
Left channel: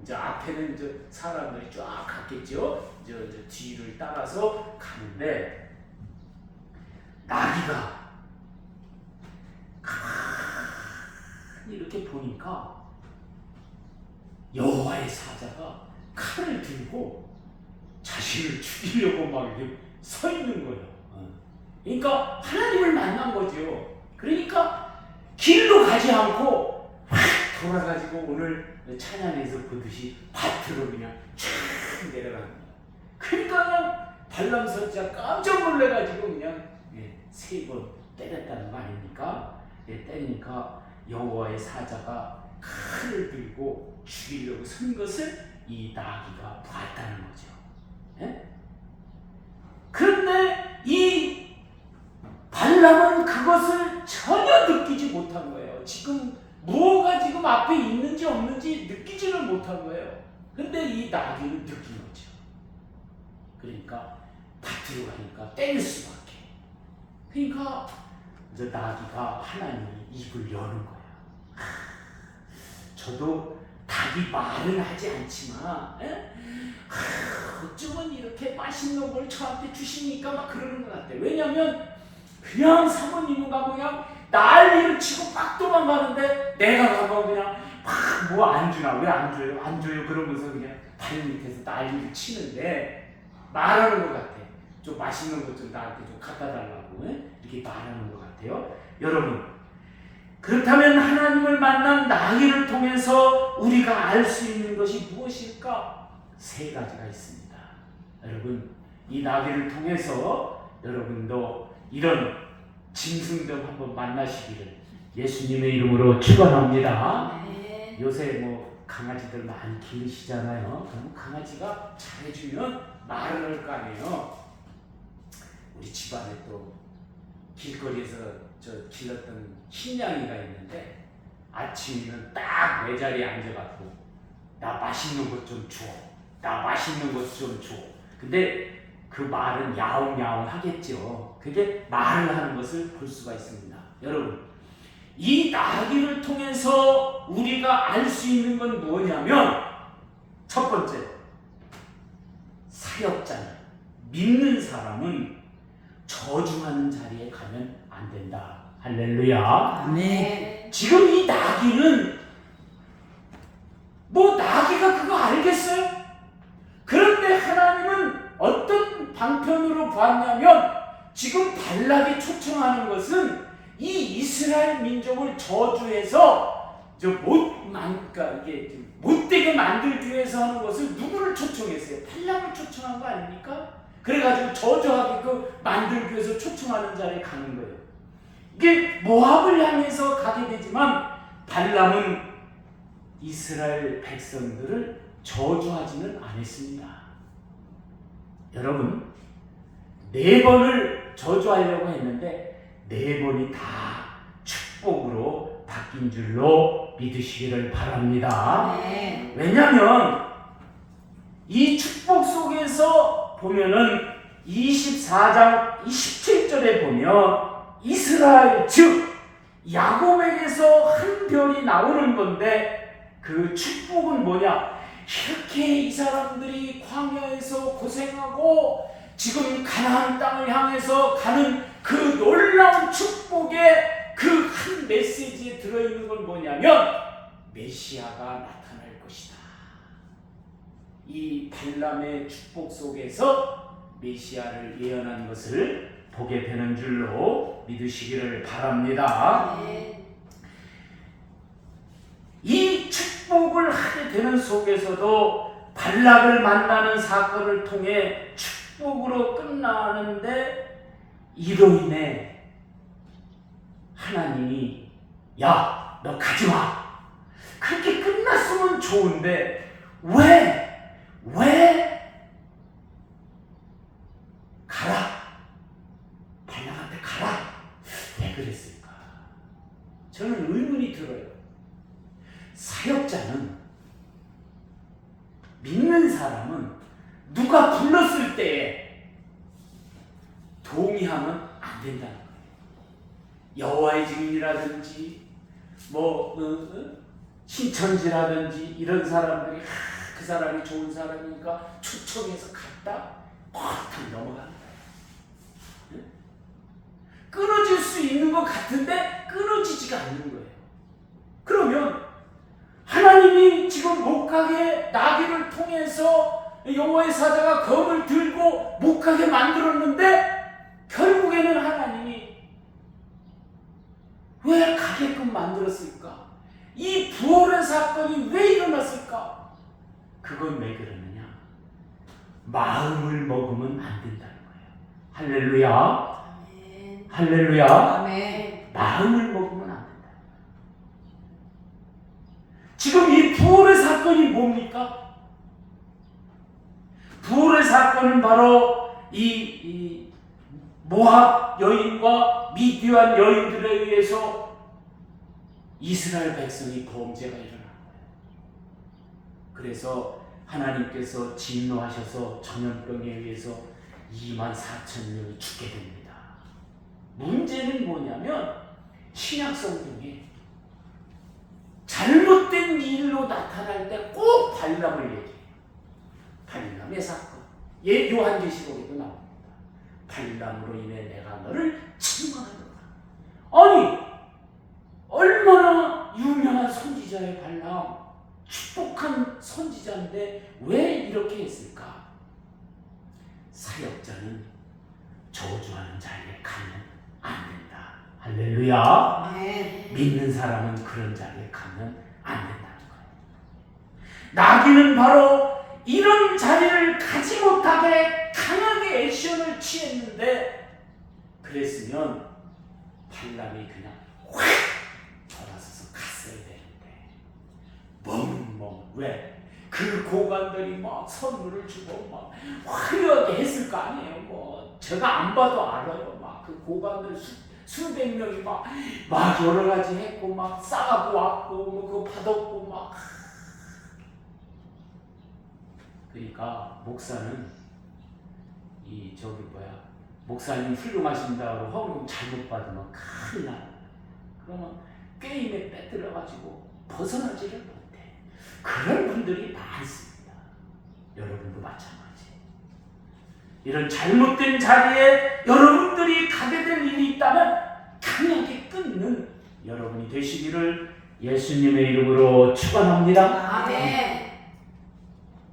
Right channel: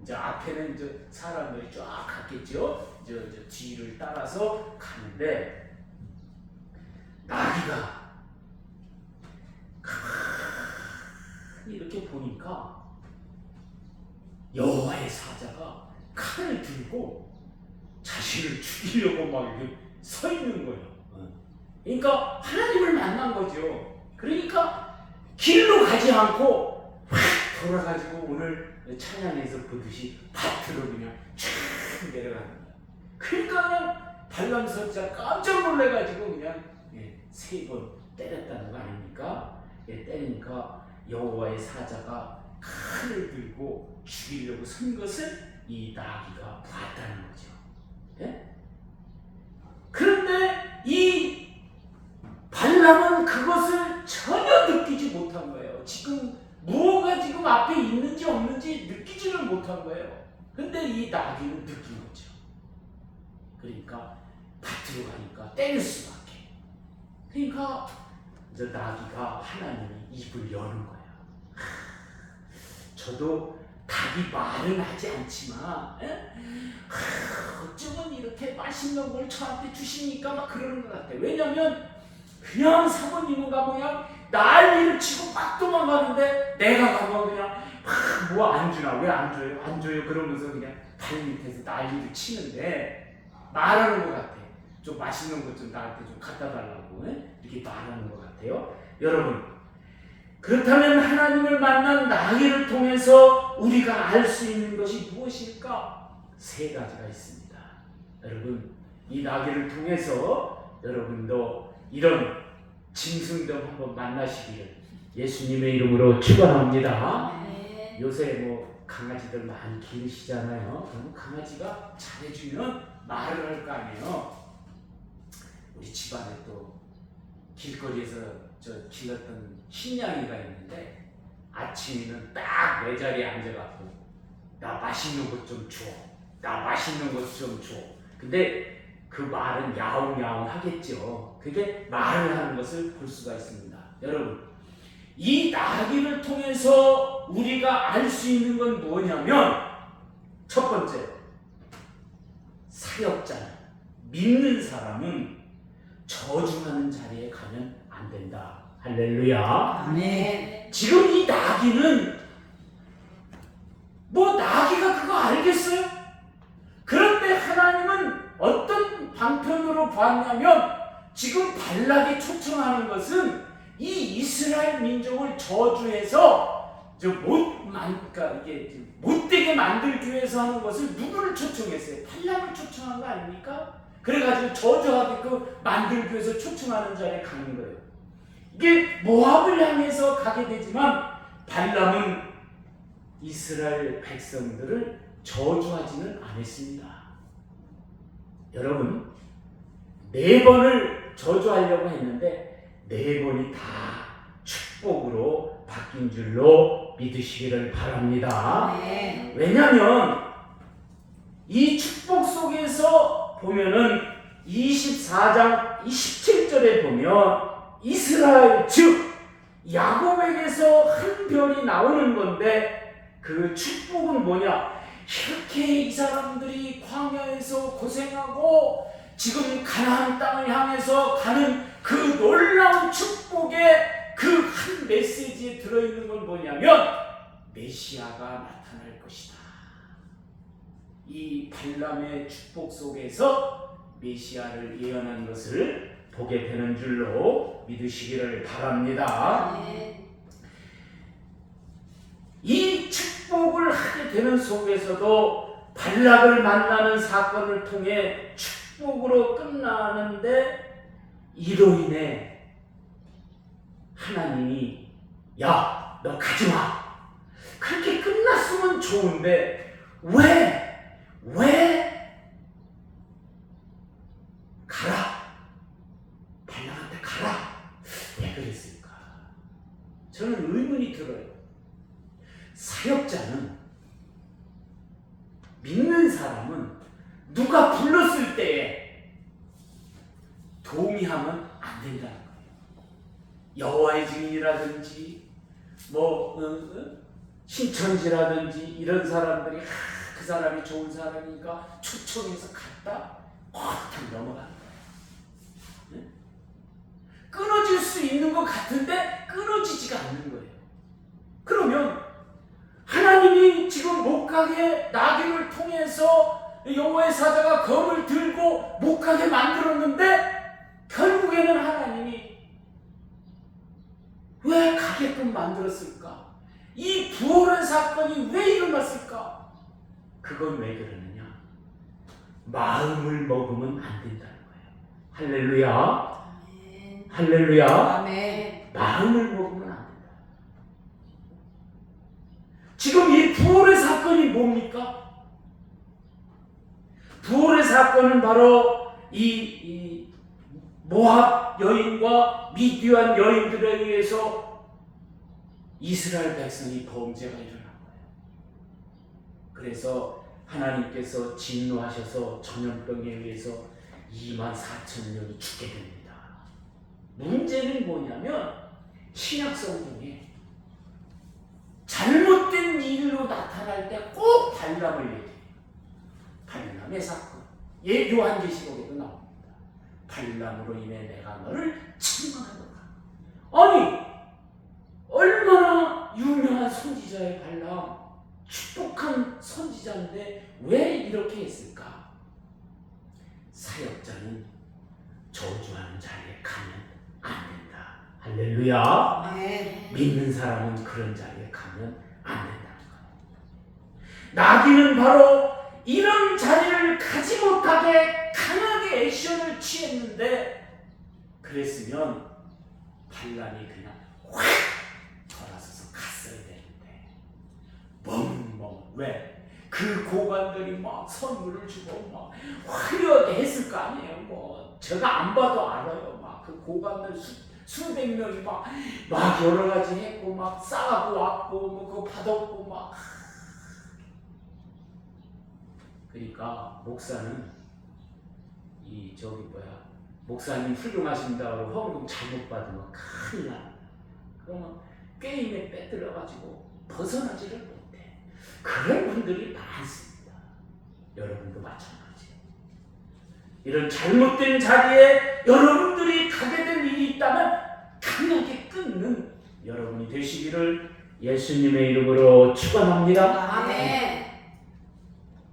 이제 앞에는 이제 사람들이 쫙 갔겠죠. 이제 뒤를 따라서 가는데 나귀가 이렇게 보니까 여호와의 사자가 칼을 들고 자신을 죽이려고 막 이렇게 서 있는 거예요. 그러니까 하나님을 만난 거죠. 그러니까 길로 가지 않고 확 돌아가지고 오늘 찬양에서 보듯이 밭으로 그냥 쫙 내려가는 거예요. 그러니까 발람 선지자 깜짝 놀래가지고 그냥 3번 때렸다는 거 아닙니까? 때리니까 여호와의 사자가 칼을 들고 죽이려고 선 것을 이 나귀가 보았다는 거죠. 그런데 이 발람은 그것을 전혀 느끼지 못한 거예요. 지금 무엇가 지금 앞에 있는지 없는지 느끼지를 못한 거예요. 근데 이 나귀는 느낀 거죠. 그러니까 밭으로 가니까 때릴 수밖에. 그러니까 이제 나귀가 하나님이 입을 여는 거야. 저도 닭이 말은 하지 않지만 어쩌면 이렇게 맛있는 걸 저한테 주시니까 막 그러는 것 같아. 왜냐면 그냥 사모님은 가면 그냥 난리를 치고 막 도망가는데 내가 가면 그냥 뭐 안 주나 왜 안 줘요? 안 줘요? 그러면서 그냥 발 밑에서 난리를 치는데 말하는 것 같아. 좀 맛있는 것 좀 나한테 좀 갖다 달라고 이렇게 말하는 것 같아요. 여러분 그렇다면 하나님을 만난 나귀를 통해서 우리가 알 수 있는 것이 무엇일까? 3가지가 있습니다. 여러분 이 나귀를 통해서 여러분도 이런 짐승들 한번 만나시기를 예수님의 이름으로 축원합니다. 요새 뭐 강아지들 많이 기르시잖아요. 그럼 강아지가 잘해주면 말을 할 거 아니에요. 우리 집안에 또 길거리에서 저 길렀던 흰양이가 있는데 아침에는 딱 내 자리에 앉아갖고 나 맛있는 것 좀 줘. 나 맛있는 것 좀 줘. 근데 그 말은 야옹야옹 하겠죠. 그게 말을 하는 것을 볼 수가 있습니다. 여러분 이 나귀를 통해서 우리가 알 수 있는 건 뭐냐면 첫 번째 사역자는 믿는 사람은 저주하는 자리에 가면 안 된다. 할렐루야. 아멘. 지금 이 나귀는 뭐 나귀가 그거 알겠어요? 그런데 하나님은 어떤 방편으로 봤냐면 지금 발락이 초청하는 것은 이 이스라엘 민족을 저주해서 그러니까 이게 못되게 만들기 위해서 하는 것을 누구를 초청했어요? 발락을 초청한 거 아닙니까? 그래가지고 저주하게끔 만들기 위해서 초청하는 자리에 가는 거예요. 이게 모압을 향해서 가게 되지만 발람은 이스라엘 백성들을 저주하지는 않았습니다. 여러분 4번을 저주하려고 했는데 4번이 다 축복으로 바뀐 줄로 믿으시기를 바랍니다. 왜냐하면 이 축복 속에서 보면은 24장 17절에 보면 이스라엘 즉 야곱에게서 한 별이 나오는 건데 그 축복은 뭐냐? 이렇게 이 사람들이 광야에서 고생하고 지금 가나안 땅을 향해서 가는 그 놀라운 축복의 그 한 메시지에 들어있는 건 뭐냐면 메시아가 나타날 것이다. 이 발람의 축복 속에서 메시아를 예언한 것을 보게 되는 줄로 믿으시기를 바랍니다. 이 축복을 하게 되는 속에서도 발락을 만나는 사건을 통해 축복으로 끝나는데 이로 인해 하나님이 야, 너 가지마. 그렇게 끝났으면 좋은데 왜 가라. 왜 그랬을까? 저는 의문이 들어요. 사역자는, 믿는 사람은 누가 불렀을 때에 동의하면 안 된다는 거예요. 여호와의 증인이라든지 신천지라든지 이런 사람들이 그 사람이 좋은 사람이니까 초청해서 갔다 팍 넘어가는 거예요. 끊어질 수 있는 것 같은데 끊어지지가 않는 거예요. 그러면 하나님이 지금 못 가게 나귀를 통해서 여호와의 사자가 검을 들고 못 가게 만들었는데 결국에는 하나님이 왜 가게끔 만들었을까? 이 부활의 사건이 왜 일어났을까? 그건 왜 그러느냐? 마음을 먹으면 안 된다는 거예요. 할렐루야. 할렐루야. 아멘. 마음을 먹으면 안 된다. 지금 이 부활의 사건이 뭡니까? 부활의 사건은 바로 이 모압 여인과 미디안 여인들에 의해서 이스라엘 백성이 범죄가 일어난 거예요. 그래서 하나님께서 진노하셔서 전염병에 의해서 24,000명이 죽게 됩니다. 문제는 뭐냐면 신약 성경에 잘못된 일로 나타날 때 꼭 발람을 얘기해요. 발람의 사건. 요한계시록에도 나옵니다. 발람으로 인해 내가 너를 책망하노라. 아니, 얼마나 유명한 선지자의 발람, 축복한 선지자인데 왜 이렇게 했을까? 사역자는 저주하는 자리에 가면 안 된다. 할렐루야. 네. 믿는 사람은 그런 자리에 가면 안 된다는 거예요. 나귀는 바로 이런 자리를 가지 못하게 강하게 액션을 취했는데, 그랬으면 발람이 그냥 확 돌아서서 갔어야 되는데 멍멍. 왜? 그 고관들이 막 선물을 주고 막 화려하게 했을 거 아니에요. 뭐 제가 안 봐도 알아요. 막 그 고관들 수백 명이 막 여러 가지 했고 막 싸가고 왔고 뭐 그거 받았고 막. 그러니까 목사는 목사님 훌륭하신다고 허금 잘못 받으면 큰일 나요. 그러면 게임에 빼들어가지고 벗어나지를 못해. 그런 분들이 많습니다. 여러분도 마찬가지. 이런 잘못된 자리에 여러분들이 가게 된 일이 있다면 강하게 끊는 여러분이 되시기를 예수님의 이름으로 축원합니다. 아멘.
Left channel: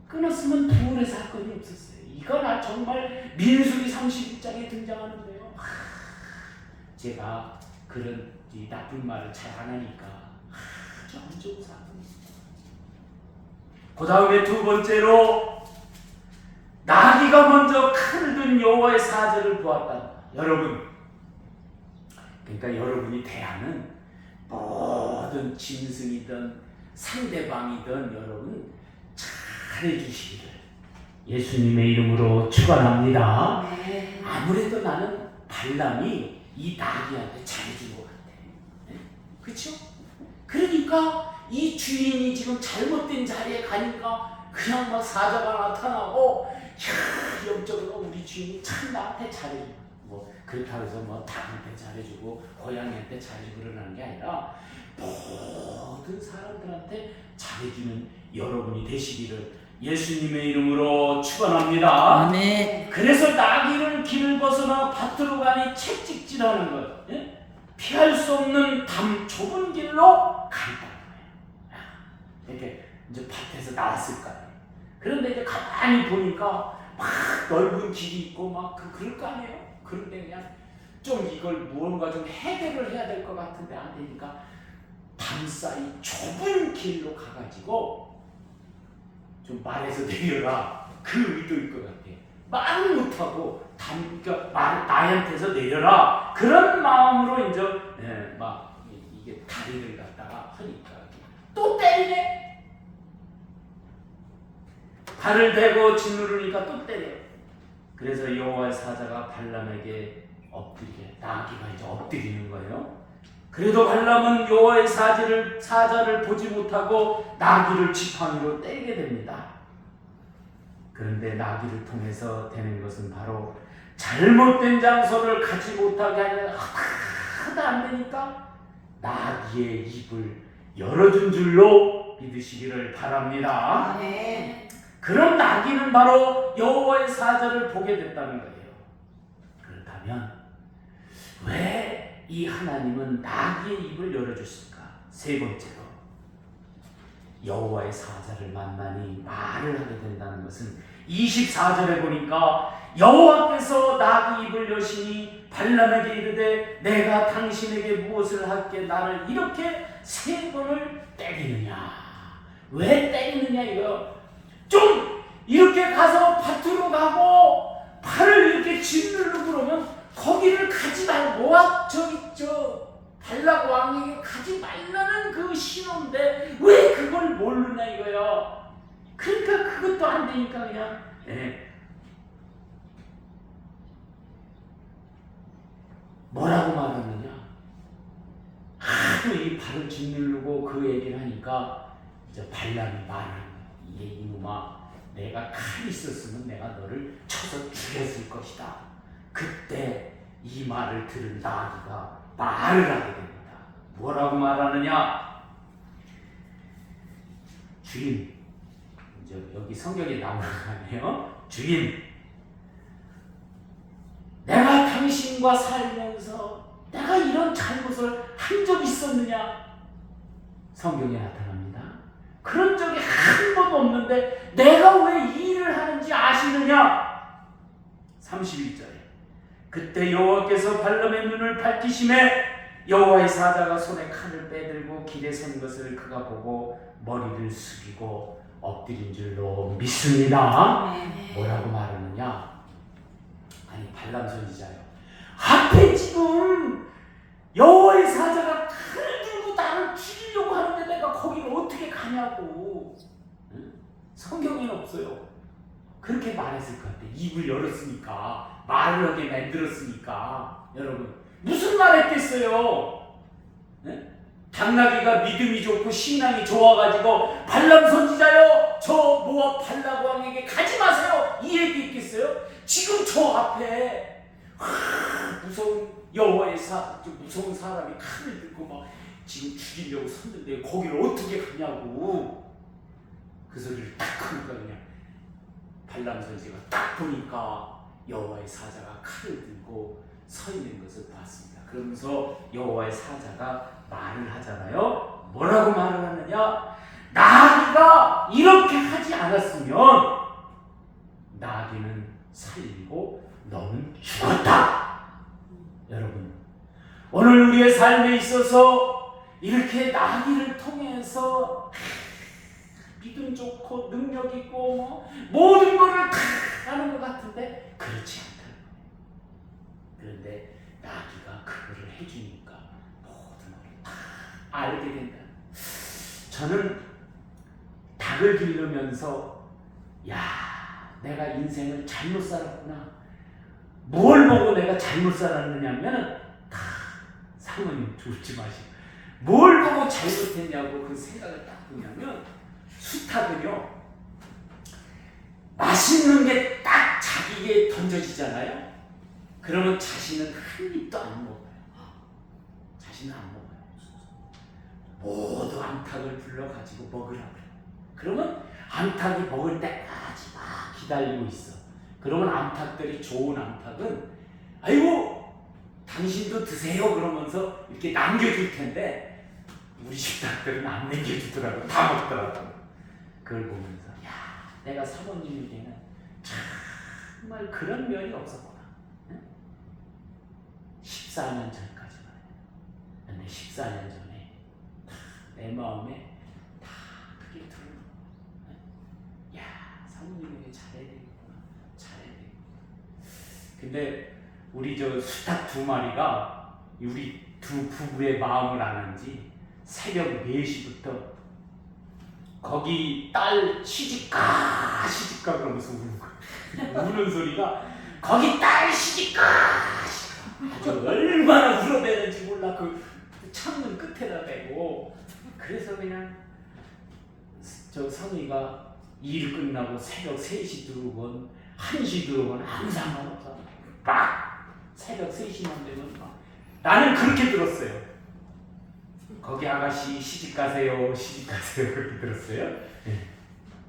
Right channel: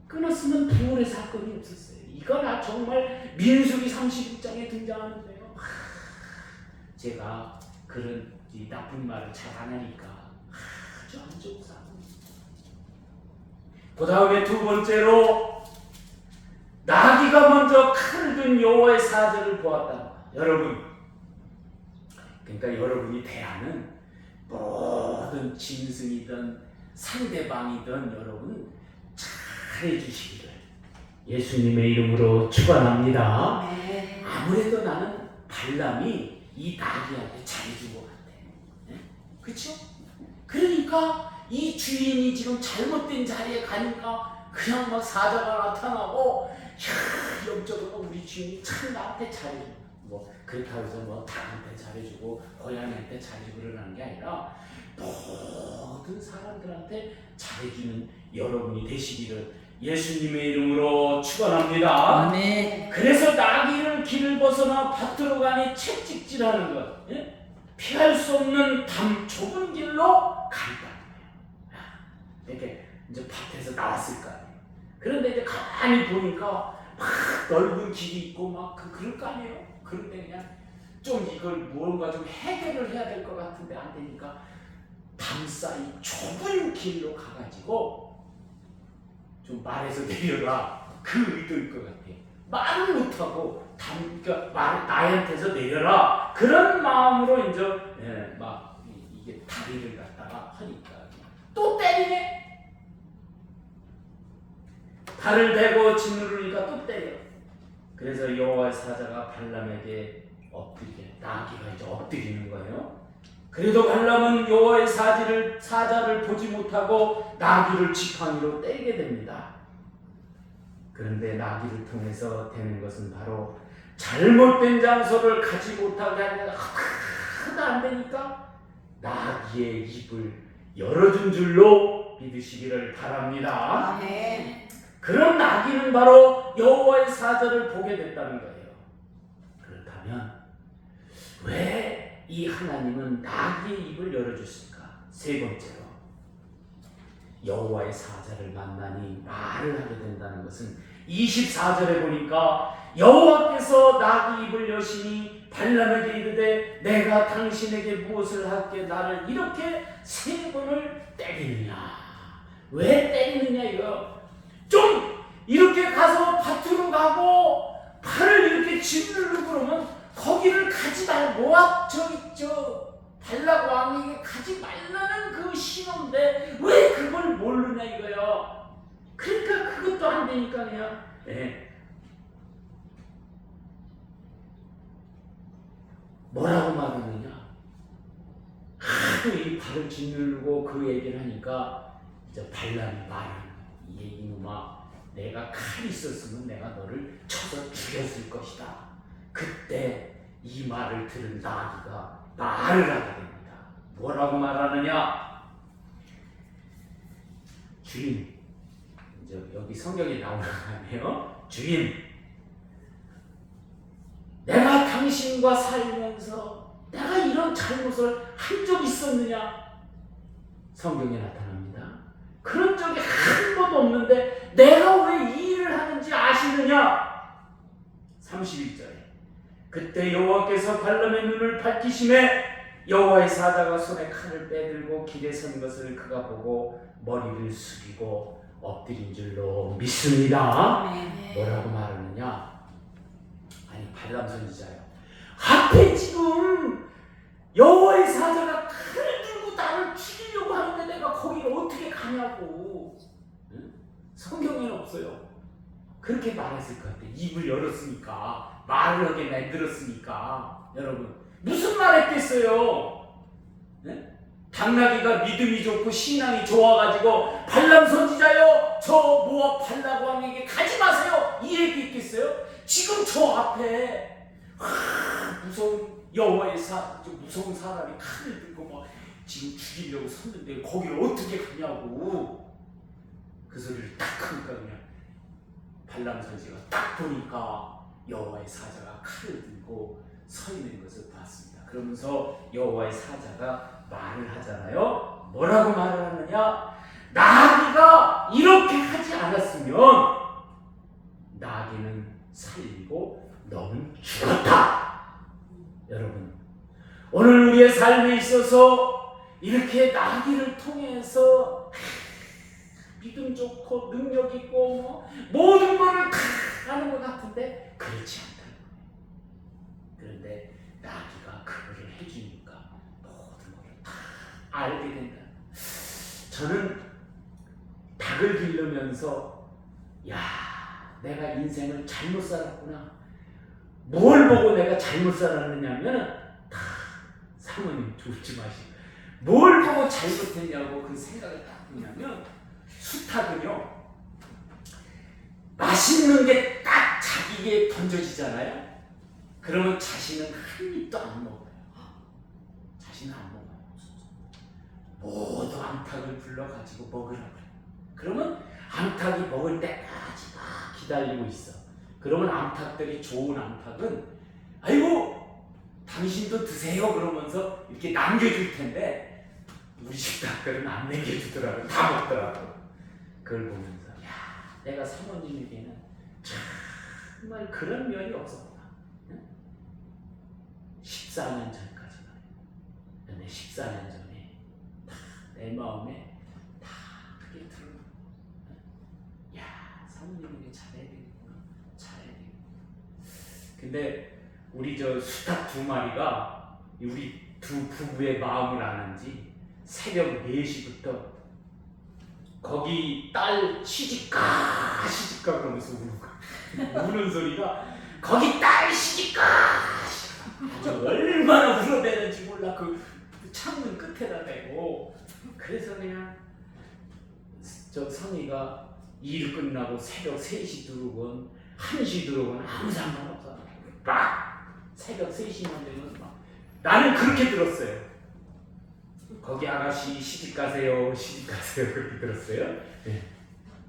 끊었으면 부활의 사건이 없었어요. 이건 정말 민수기 31장에 등장하는데요. 제가 그런 나쁜 말을 잘 안 하니까 아주 안 좋은 사건입니다. 그 다음에 두 번째로 나귀가 먼저 칼을 든 여호와의 사자를 보았다. 여러분, 그러니까 여러분이 대하는 모든 짐승이든 상대방이든 여러분 잘해주시기를 예수님의 이름으로 축원합니다. 아멘. 아무래도 나는 발람이 이 나귀한테 잘해준 것 같아. 그렇죠? 그러니까 이 주인이 지금 잘못된 자리에 가니까 그냥 막 사자가 나타나고, 야, 영적으로 우리 주인이 참 나한테 잘해주고, 뭐 그렇다고 해서 뭐 닭한테 잘해주고 고양이한테 잘해주고 그러는 게 아니라 모든 사람들한테 잘해주는 여러분이 되시기를 예수님의 이름으로 축원합니다. 아멘. 그래서 나귀를 길을 벗어나 밭으로 가니 채찍질하는 것, 피할 수 없는 좁은 길로 간다는 거예요. 이렇게 이제 밭에서 나왔을 거 아니에요. 그런데 이제 가만히 보니까 막 넓은 길이 있고 막 그럴 거 아니에요. 그런데 그냥 좀 이걸 무언가 좀 해결을 해야 될 것 같은데 안 되니까 담 사이 좁은 길로 가가지고 좀 말해서 내려라, 그 의도일 것 같아요. 말은 못하고 그러니까 나한테서 내려라, 그런 마음으로 이제 막 이게 다리를 갖다가 하니까 또 때리네. 발을 대고 짓누르니까 또 때려. 그래서 여호와의 사자가 발람에게 엎드리게, 나귀가 이제 엎드리는 거예요. 그래도 발람은 여호와의 사자를 보지 못하고 나귀를 지팡이로 때리게 됩니다. 그런데 나귀를 통해서 되는 것은 바로 잘못된 장소를 가지 못하게 하면 하나도 안 되니까 나귀의 입을 열어준 줄로 믿으시기를 바랍니다. 아멘. 그런 나귀는 바로 여호와의 사자를 보게 됐다는 거예요. 그렇다면 왜 이 하나님은 나귀의 입을 열어줬을까? 세 번째로 여호와의 사자를 만나니 말을 하게 된다는 것은 24절에 보니까 여호와께서 나귀 입을 여시니 발람에게 이르되 내가 당신에게 무엇을 할게 나를 이렇게 세 번을 때리느냐. 왜 때리느냐 이거. 좀 이렇게 가서 밭으로 가고 팔을 이렇게 짓누르고 그러면 거기를 가지 말고 발락 왕에게 가지 말라는 그 신호인데 왜 그걸 모르냐 이거요. 그러니까 그것도 안 되니까 그냥 뭐라고 말하느냐. 하도 이 발을 짓누르고 그 얘기를 하니까 이제 발람이 말하는 거야. 이놈아, 내가 칼이 있었으면 내가 너를 쳐서 죽였을 것이다. 그때 이 말을 들은 나귀가 말을 하게 됩니다. 뭐라고 말하느냐? 주인, 이제 여기 성경에 나오는 거 아니에요? 주인, 내가 당신과 살면서 내가 이런 잘못을 한 적 있었느냐? 성경에 나타납니다. 그런 적이 한 번도 없는데 내가 왜 이 일을 하는지 아시느냐? 31절에 그때 여호와께서 발람의 눈을 밝히심에 여호와의 사자가 손에 칼을 빼들고 길에 선 것을 그가 보고 머리를 숙이고 엎드린 줄로 믿습니다. 뭐라고 말하느냐? 아니 발람 선지자요. 앞에 지금 여호와의 사자가 칼을 들고 나를 죽이려고 하는데 내가 거기를 어떻게 가냐고. 응? 성경에는 없어요. 그렇게 말했을 것 같아. 입을 열었으니까. 말을 하게 만들었으니까. 여러분 무슨 말 했겠어요? 네? 당나귀가 믿음이 좋고 신앙이 좋아가지고 발람 선지자요 저 모압 발락 왕에게 가지 마세요 이 얘기 있겠어요? 지금 저 앞에 무서운 여호와의 무서운 사람이 칼을 들고 막 지금 죽이려고 섰는데 거기를 어떻게 가냐고. 그 소리를 딱 하니까 그냥 발람 선지자가 딱 보니까 여호와의 사자가 칼을 들고 서 있는 것을 봤습니다. 그러면서 여호와의 사자가 말을 하잖아요. 뭐라고 말을 하느냐? 나귀가 이렇게 하지 않았으면 나귀는 살리고 너는 죽었다. 여러분 오늘 우리의 삶에 있어서 이렇게 나귀를 통해서 믿음 좋고 능력 있고 모든 것을 다 하는 것 같은데 그렇지 않다는 거예요. 그런데 나귀가 그거를 해주니까 모든 것을 다 알게 된다. 저는 닭을 기르면서 내가 인생을 잘못 살았구나. 뭘 보고 내가 잘못 살았느냐면 사모님 죽지 마시고 뭘 보고 잘못했냐고 그 생각을 딱 하냐면 수탉은요 맛있는 게 딱 자기에게 던져지잖아요. 그러면 자신은 한 입도 안 먹어요. 자신은 안 먹어요. 모두 암탉을 불러가지고 먹으라고 해요. 그러면 암탉이 먹을 때까지 막 기다리고 있어. 그러면 암탉들이 좋은 암탉은 아이고 당신도 드세요 그러면서 이렇게 남겨줄 텐데 우리 집 닭들은 안 남겨주더라고. 다 먹더라고. 그걸 보면서 내가 사모님에게는 정말 그런 면이 없었구나. 14년 전까지만. 근데 14년 전에 내 마음에 다 그게 들어요. 사모님에게 잘해야 되겠구나. 잘해야 되겠구나. 근데 우리 저 수탉 두 마리가 우리 두 부부의 마음을 아는지 새벽 4시부터 거기 딸 시집가 그러면서 우는 거야. 우는 소리가 거기 딸 시집가 아주 얼마나 울어대는지 몰라. 그 그 창문 끝에다 대고 그래서 그냥 저 성의가 일 끝나고 새벽 3시 들어오건 1시 들어오건 아무 상관없어. 막 새벽 3시만 되면 막 나는 그렇게 들었어요. 거기 아가씨 시집가세요 시집가세요 그렇게 들었어요. 예.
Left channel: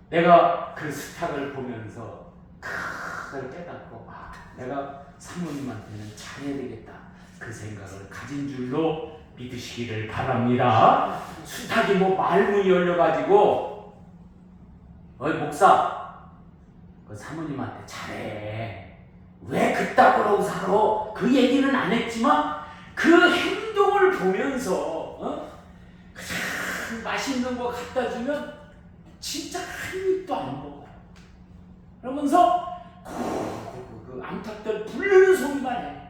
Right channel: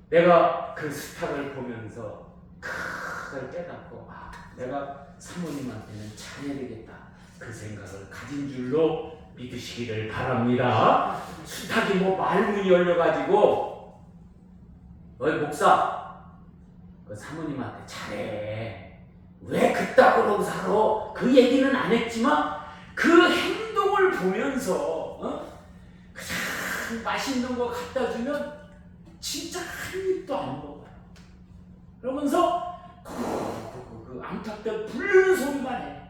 내가 그 스타를 보면서 그걸 깨닫고 내가 사모님한테는 잘해야 되겠다 그 생각을 가진 줄로 믿으시기를 바랍니다. 수탉이 뭐 말문이 열려가지고 어이 목사 그 사모님한테 잘해 왜 그따구로 살아 그 얘기는 안 했지만 그 행동을 보면서 그 맛있는 거 갖다 주면 진짜 한 입도 안 먹어. 그러면서 그 암탉들 부르는 소리만 해.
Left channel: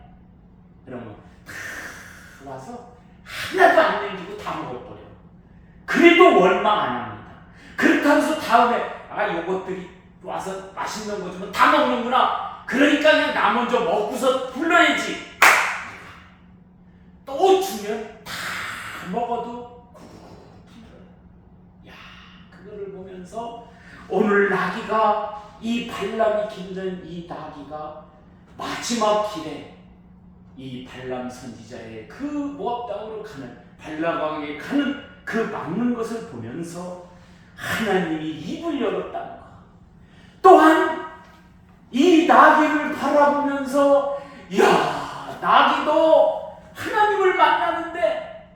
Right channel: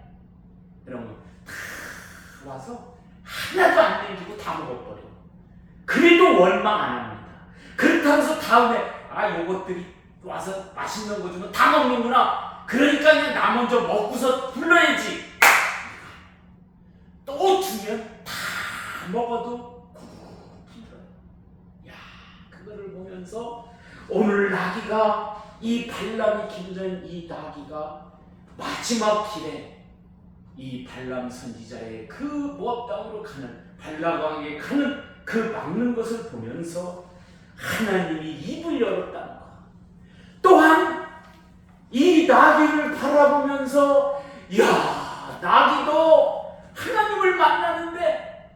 그러면 다 와서 하나도 안 남기고 다 먹어버려. 그래도 원망 안 합니다. 그렇다고 해서 다음에 요것들이 와서 맛있는 거 주면 다 먹는구나. 그러니까 그냥 나 먼저 먹고서 불러야지. 또 주면 다 먹어도 야, 그거를 보면서 오늘 나귀가 이 발람이 길던 이 나귀가 마지막 길에 이 발람 선지자의 그 모압 땅으로 가는 발람에게 가는 그 막는 것을 보면서 하나님이 입을 열었다는 것. 또한 이 나귀를 바라보면서 야, 나귀도 하나님을 만나는데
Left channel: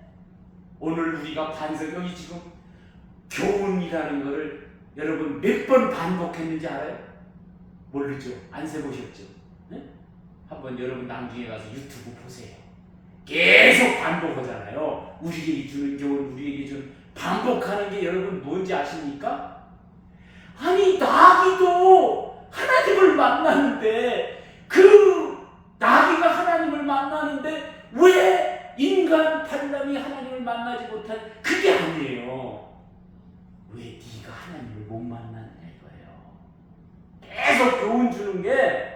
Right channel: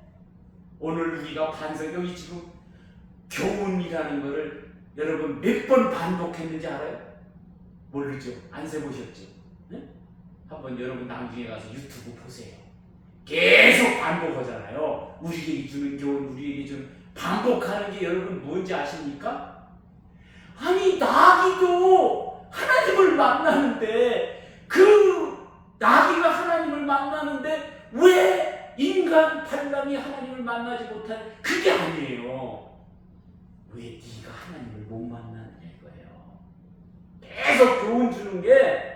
오늘 우리가 반석 여기 지금 교훈이라는 것을 여러분 몇 번 반복했는지 알아요? 모르죠? 안 세보셨죠? 네? 한번 여러분 나중에 가서 유튜브 보세요. 계속 반복하잖아요. 우리에게 주는 교훈, 우리에게 주는 반복하는 게 여러분 뭔지 아십니까? 아니 나귀도 하나님을 만나는데 그 나귀가 하나님을 만나는데 왜 인간 발람이 하나님을 만나지 못한 그게 아니에요. 왜 네가 하나님을 못 만나느냐 이거예요. 계속 교훈 주는 게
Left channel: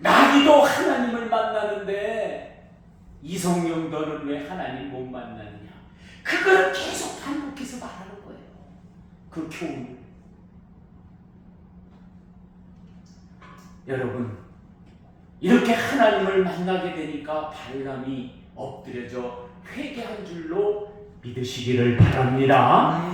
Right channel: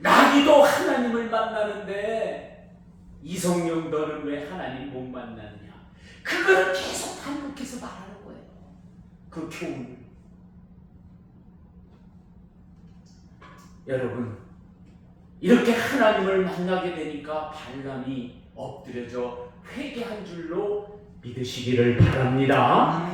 나귀도 하나님을 만나는데 이성령 너는 왜 하나님 못 만나느냐. 그걸 계속 반복해서 말하는 거예요. 그 교훈을. 여러분 이렇게 하나님을 만나게 되니까 발람이 엎드려져 회개한 줄로 믿으시기를 바랍니다.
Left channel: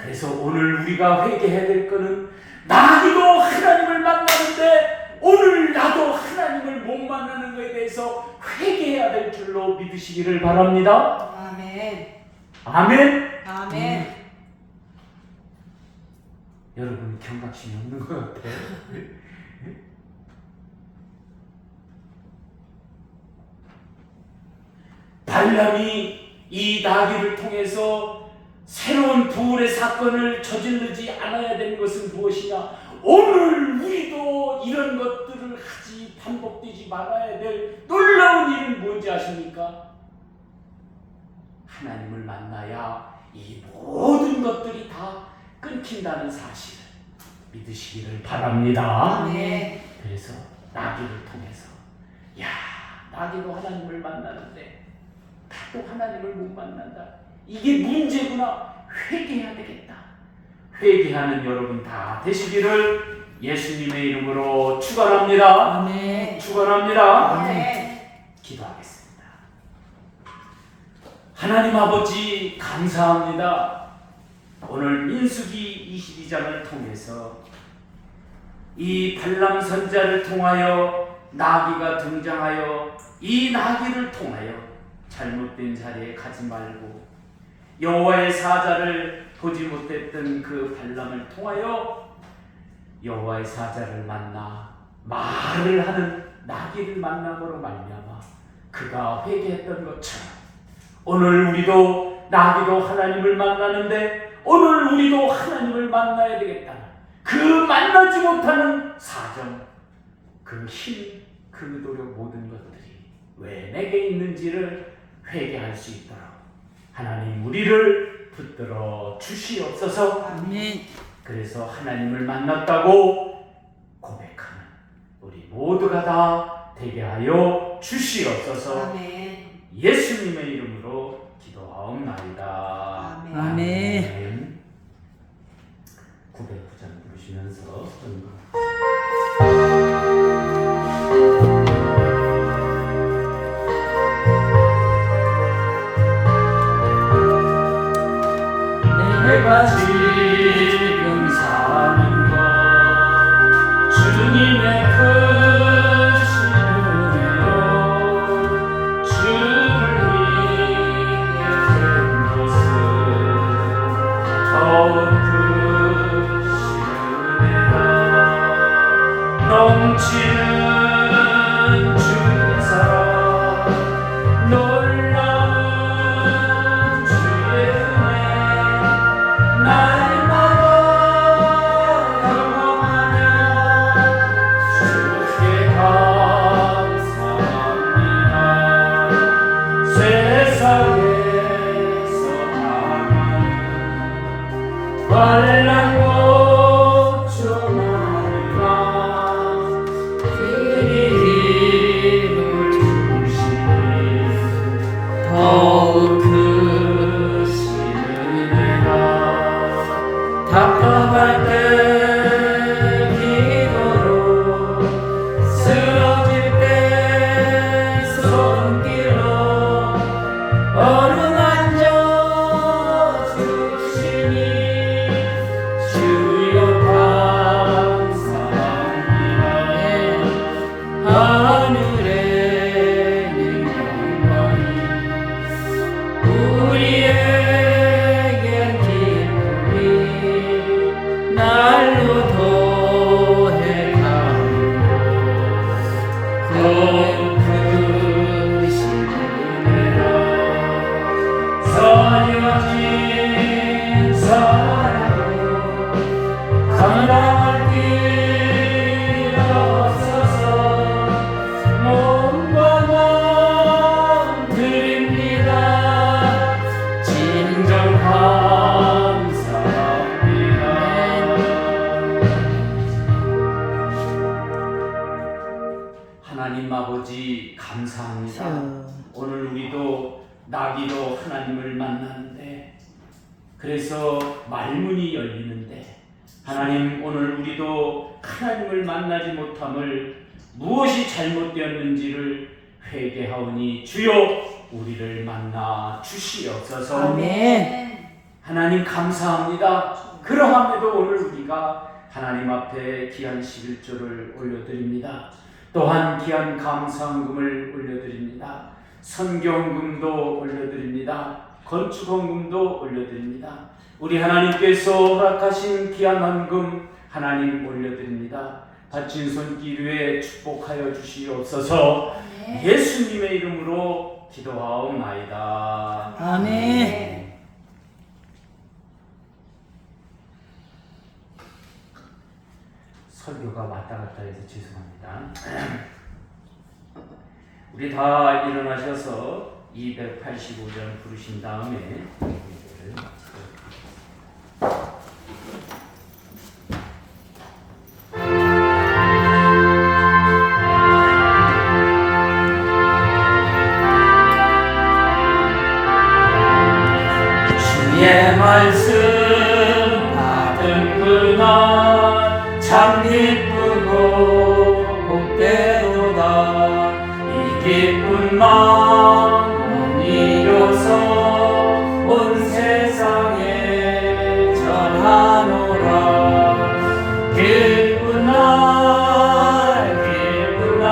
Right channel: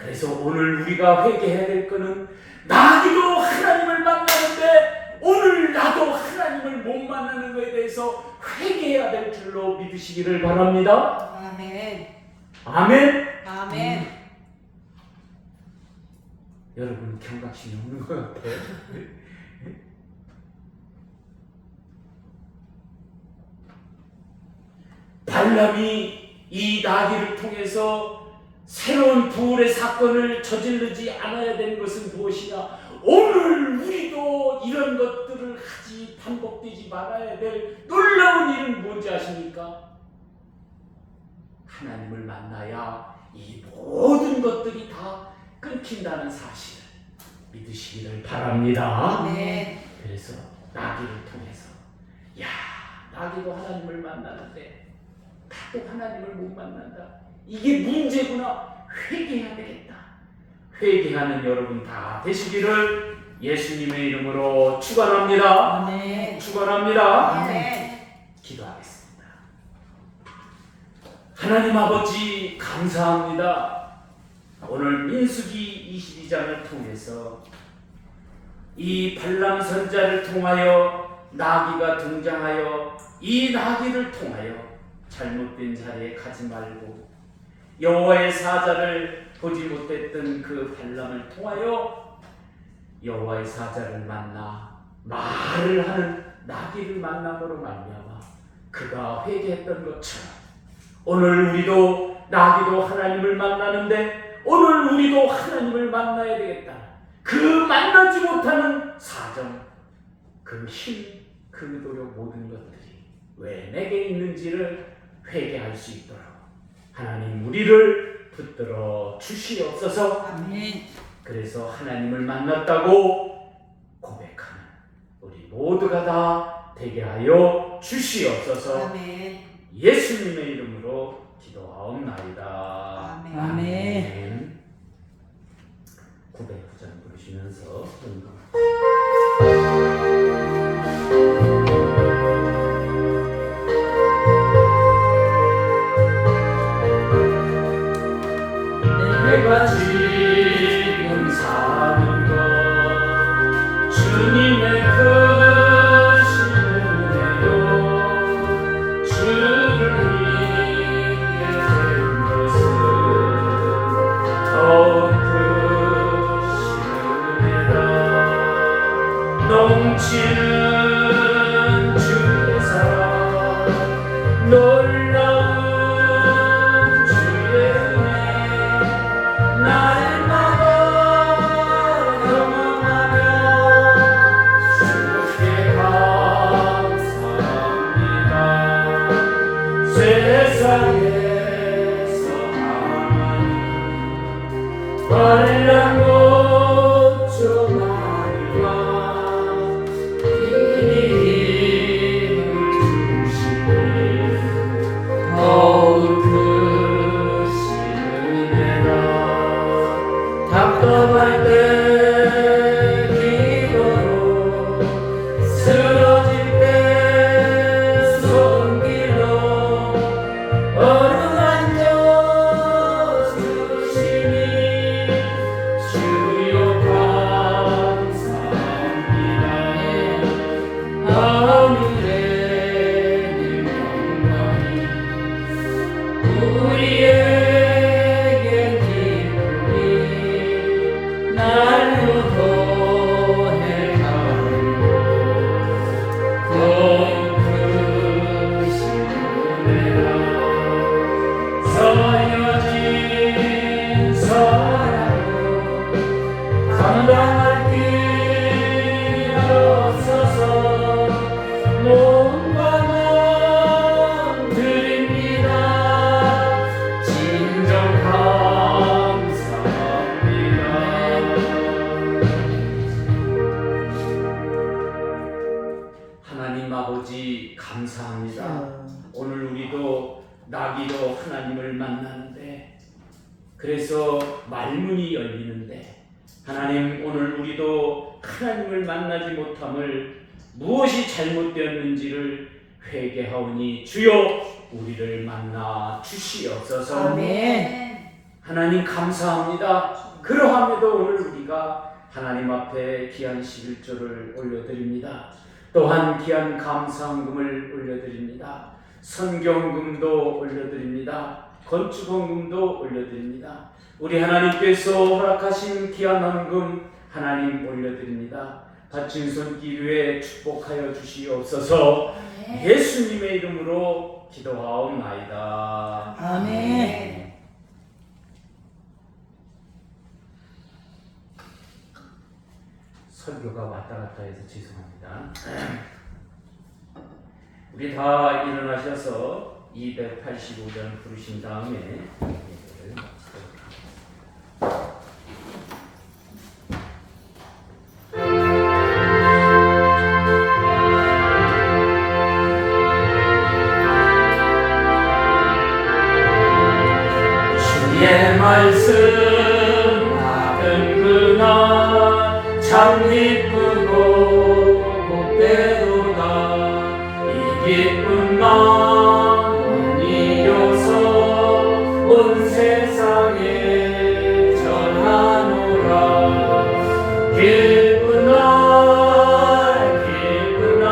그래서 오늘 우리가 회개해야 될 것은 나도 하나님을 만나는데 오늘 나도 하나님을 못 만나는 것에 대해서 회개해야 될 줄로 믿으시기를 바랍니다. 아멘. 아멘. 아멘. 여러분 경각심이 없는 것 같아요. 발람이 이 나귀를 통해서 새로운 부활의 사건을 저지르지 않아야 되는 것은 무엇이냐? 오늘 우리도 이런 것들을 하지 반복되지 말아야 될 놀라운 일은 뭔지 아십니까? 하나님을 만나야 이 모든 것들이 다 끊긴다는 사실을 믿으시기를 바랍니다. 아멘. 그래서 나귀를 통해서 야, 나귀도 하나님을 만나는데 나도 하나님을 못 만난다. 이게 문제구나. 회개해야 되겠다. 회개하는 여러분 다 되시기를 예수님의 이름으로 축원합니다. 아멘. 축원합니다. 아멘. 기도하겠습니다. 하나님 아버지 감사합니다. 오늘 민수기 22장을 통해서 이 발람 선자를 통하여 나귀가 등장하여 이 나귀를 통하여 잘못된 자리에 가지 말고 여호와의 사자를 보지 못했던 그 발람을 통하여 여호와의 사자를 만나 말을 하는 나귀를 만남으로 말미암아 그가 회개했던 것처럼 오늘 우리도 나귀도 하나님을 만나는데 오늘 우리도 하나님을 만나야 되겠다. 그 만나지 못하는 사정, 그 힘, 그 노력 모든 것들이 왜 내게 있는지를 회개할 수 있도록 하나님 우리를 붙들어 주시옵소서. 아멘. 그래서 하나님을 만났다고 고백하는 우리 모두가 다 되게 하여 주시옵소서. 아멘. 예수님의 이름으로 기도하옵나이다. 아멘. 아멘. 909장 부르시면서 내가 지금 사는 것 주님의 크신 은혜로 주를 믿게 된 것은 더욱 크신 은혜라. 넘치는 주의 사랑 놀라운 주의 은혜 날마다 영원하며 주께 감사합니다. 세상에서 하나님 환란고 주마리라 힘을 주시니 더욱 크신 은혜라. 답답할 때 기도로 쓰러질 때 손길로 어루만져 주시니 주여 감사합니다. 하늘에 님 영광이 우리에겐 기쁨이 날로 더해가고 더욱 크신 은혜라. 서여진 사랑으로 감당할 길이 없어서 몸과 마음 드립니다. 진정 감사합니다. 하나님 아버지 감사합니다. 오늘 우리도 나귀로 하나님을 만나는데 그래서 말문이 열리는데 하나님 오늘 우리도 하나님을 만나지 못함을 무엇이 잘못되었는지를 회개하오니 주여 우리를 만나 주시옵소서. 아멘. 하나님 감사합니다. 그러함에도 오늘 우리가 하나님 앞에 귀한 11조를 올려드립니다. 또한 귀한 감사헌금을 올려드립니다. 선경금도 올려드립니다. 건축헌금도 올려드립니다. 우리 하나님께서 허락하신 귀한 헌금 하나님 올려드립니다. 바친 손길 위에 축복하여 주시옵소서. 예수님의 이름으로 기도하옵나이다. 아멘. 설교가 왔다 갔다 해서 죄송합니다. 우리 다 일어나셔서 285절 부르신 다음에 예배를 마치도록 하겠습니다. 주의 말씀 받은 그날 참 기쁘고 복되도다. 이 기쁜 마음 이겨서 온 세상에 전하노라. 기쁜 날 기쁜 날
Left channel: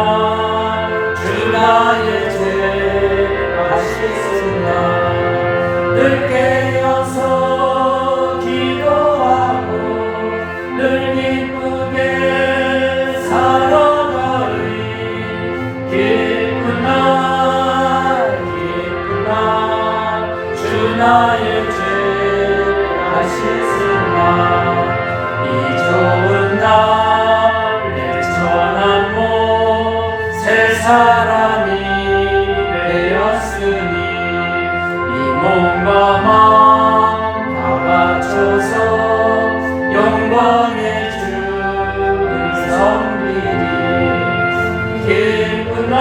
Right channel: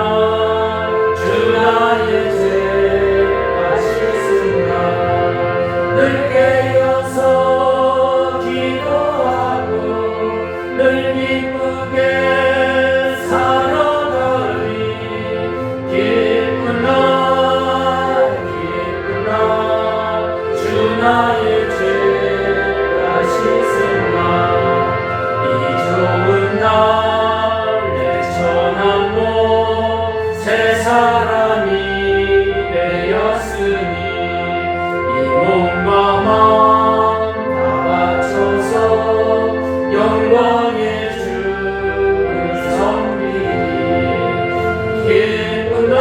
주 나의 죄가 씻은다. 늘 깨어서 기도하고 늘 기쁘게 살아가리. 기쁜 날 주 나의 죄가 씻은 날. 이 좋은 날 내 전한 몸 새 사람이 되었으니 이 몸과 마음 다 바쳐서 영광의 주를 섬기리. 기쁜 날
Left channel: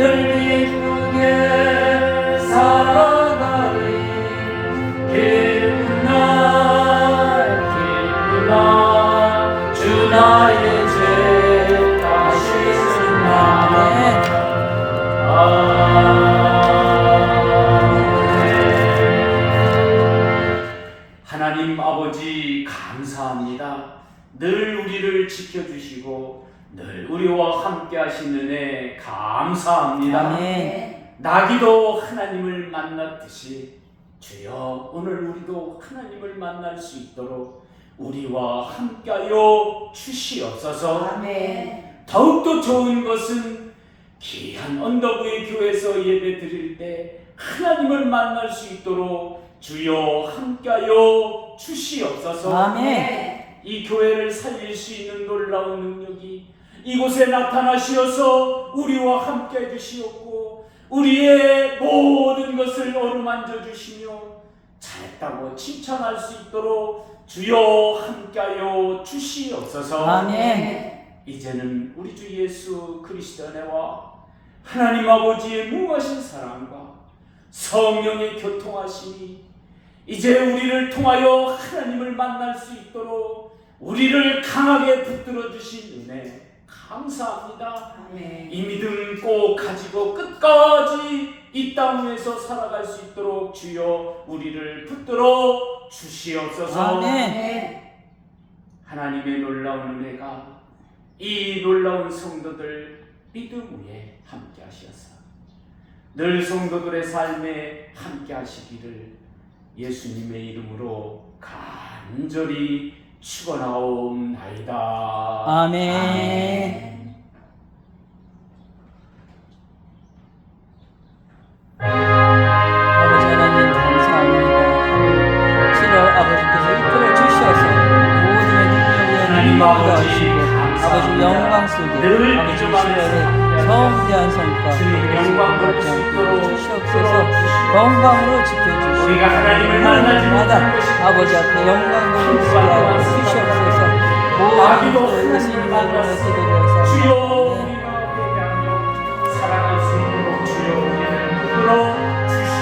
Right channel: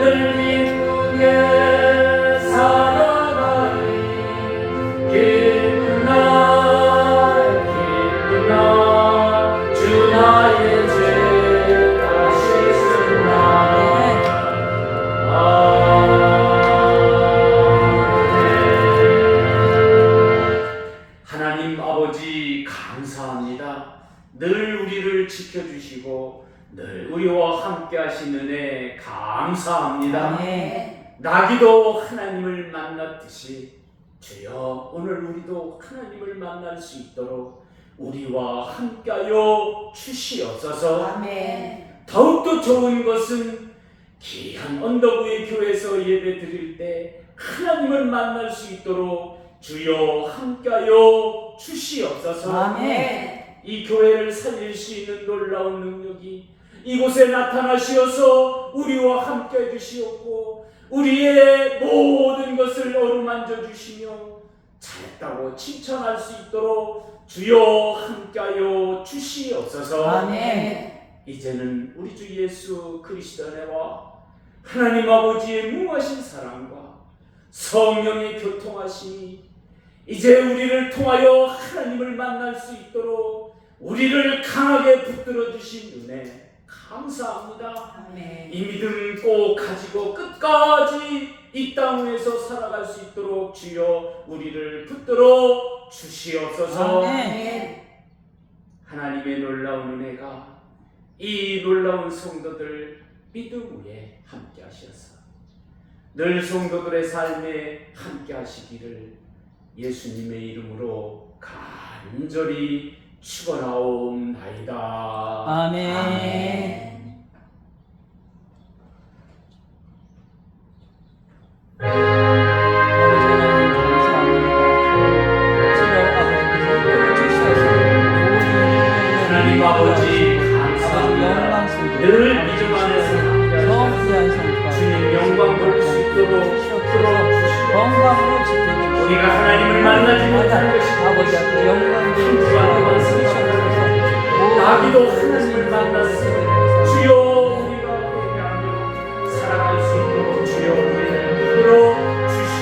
늘 기쁘게 살아가리 기쁜 날 주 나의 죄 다시 씻은 날 하나님 아버지 감사합니다. 늘 우리를 지켜주시고 늘 우리와 함께 하시는 은혜 감사합니다. 아멘. 나귀도 하나님을 만났듯이 주여 오늘 우리도 하나님을 만날 수 있도록 우리와 함께하여 주시옵소서. 아멘. 더욱더 좋은 것은 귀한 언덕의 교회에서 예배 드릴 때 하나님을 만날 수 있도록 주여 함께하여 주시옵소서. 아멘. 이 교회를 살릴 수 있는 놀라운 능력이 이곳에 나타나시어서 우리와 함께 해주시옵고 우리의 모든 것을 어루만져 주시며 잘했다고 칭찬할 수 있도록 주여 함께하여 주시옵소서. 아멘. 이제는 우리 주 예수 그리스도 안에와 하나님 아버지의 무하신 사랑과 성령의 교통하심이 이제 우리를 통하여 하나님을 만날 수 있도록 우리를 강하게 붙들어 주신 은혜 감사합니다. 아멘. 이 믿음 꼭 가지고 끝까지 이 땅 위에서 살아갈 수 있도록 주여 우리를 붙들어 주시옵소서. 아멘. 하나님의 놀라운 은혜가 이 놀라운 성도들 믿음 위에 함께 하셔서 늘 성도들의 삶에 함께 하시기를 예수님의 이름으로 간절히 축원하옵나이다. 아멘. 아버지 하나님 감사합니다. 주여 아버지께서 이끌어 주셔서 모든 하나님 아버지 아버지 영광 감사합니다. 속에 늘 믿음 안에서 성대한 성과 주님 영광 받을 수 있도록 주시옵소서. 영광으로 지켜주시옵소서. 우리가 하나님을 만나지 못한 것이 아버지 앞에 영광으로 주님과 주시옵소서. 나기도 하나님을 만났으니 주여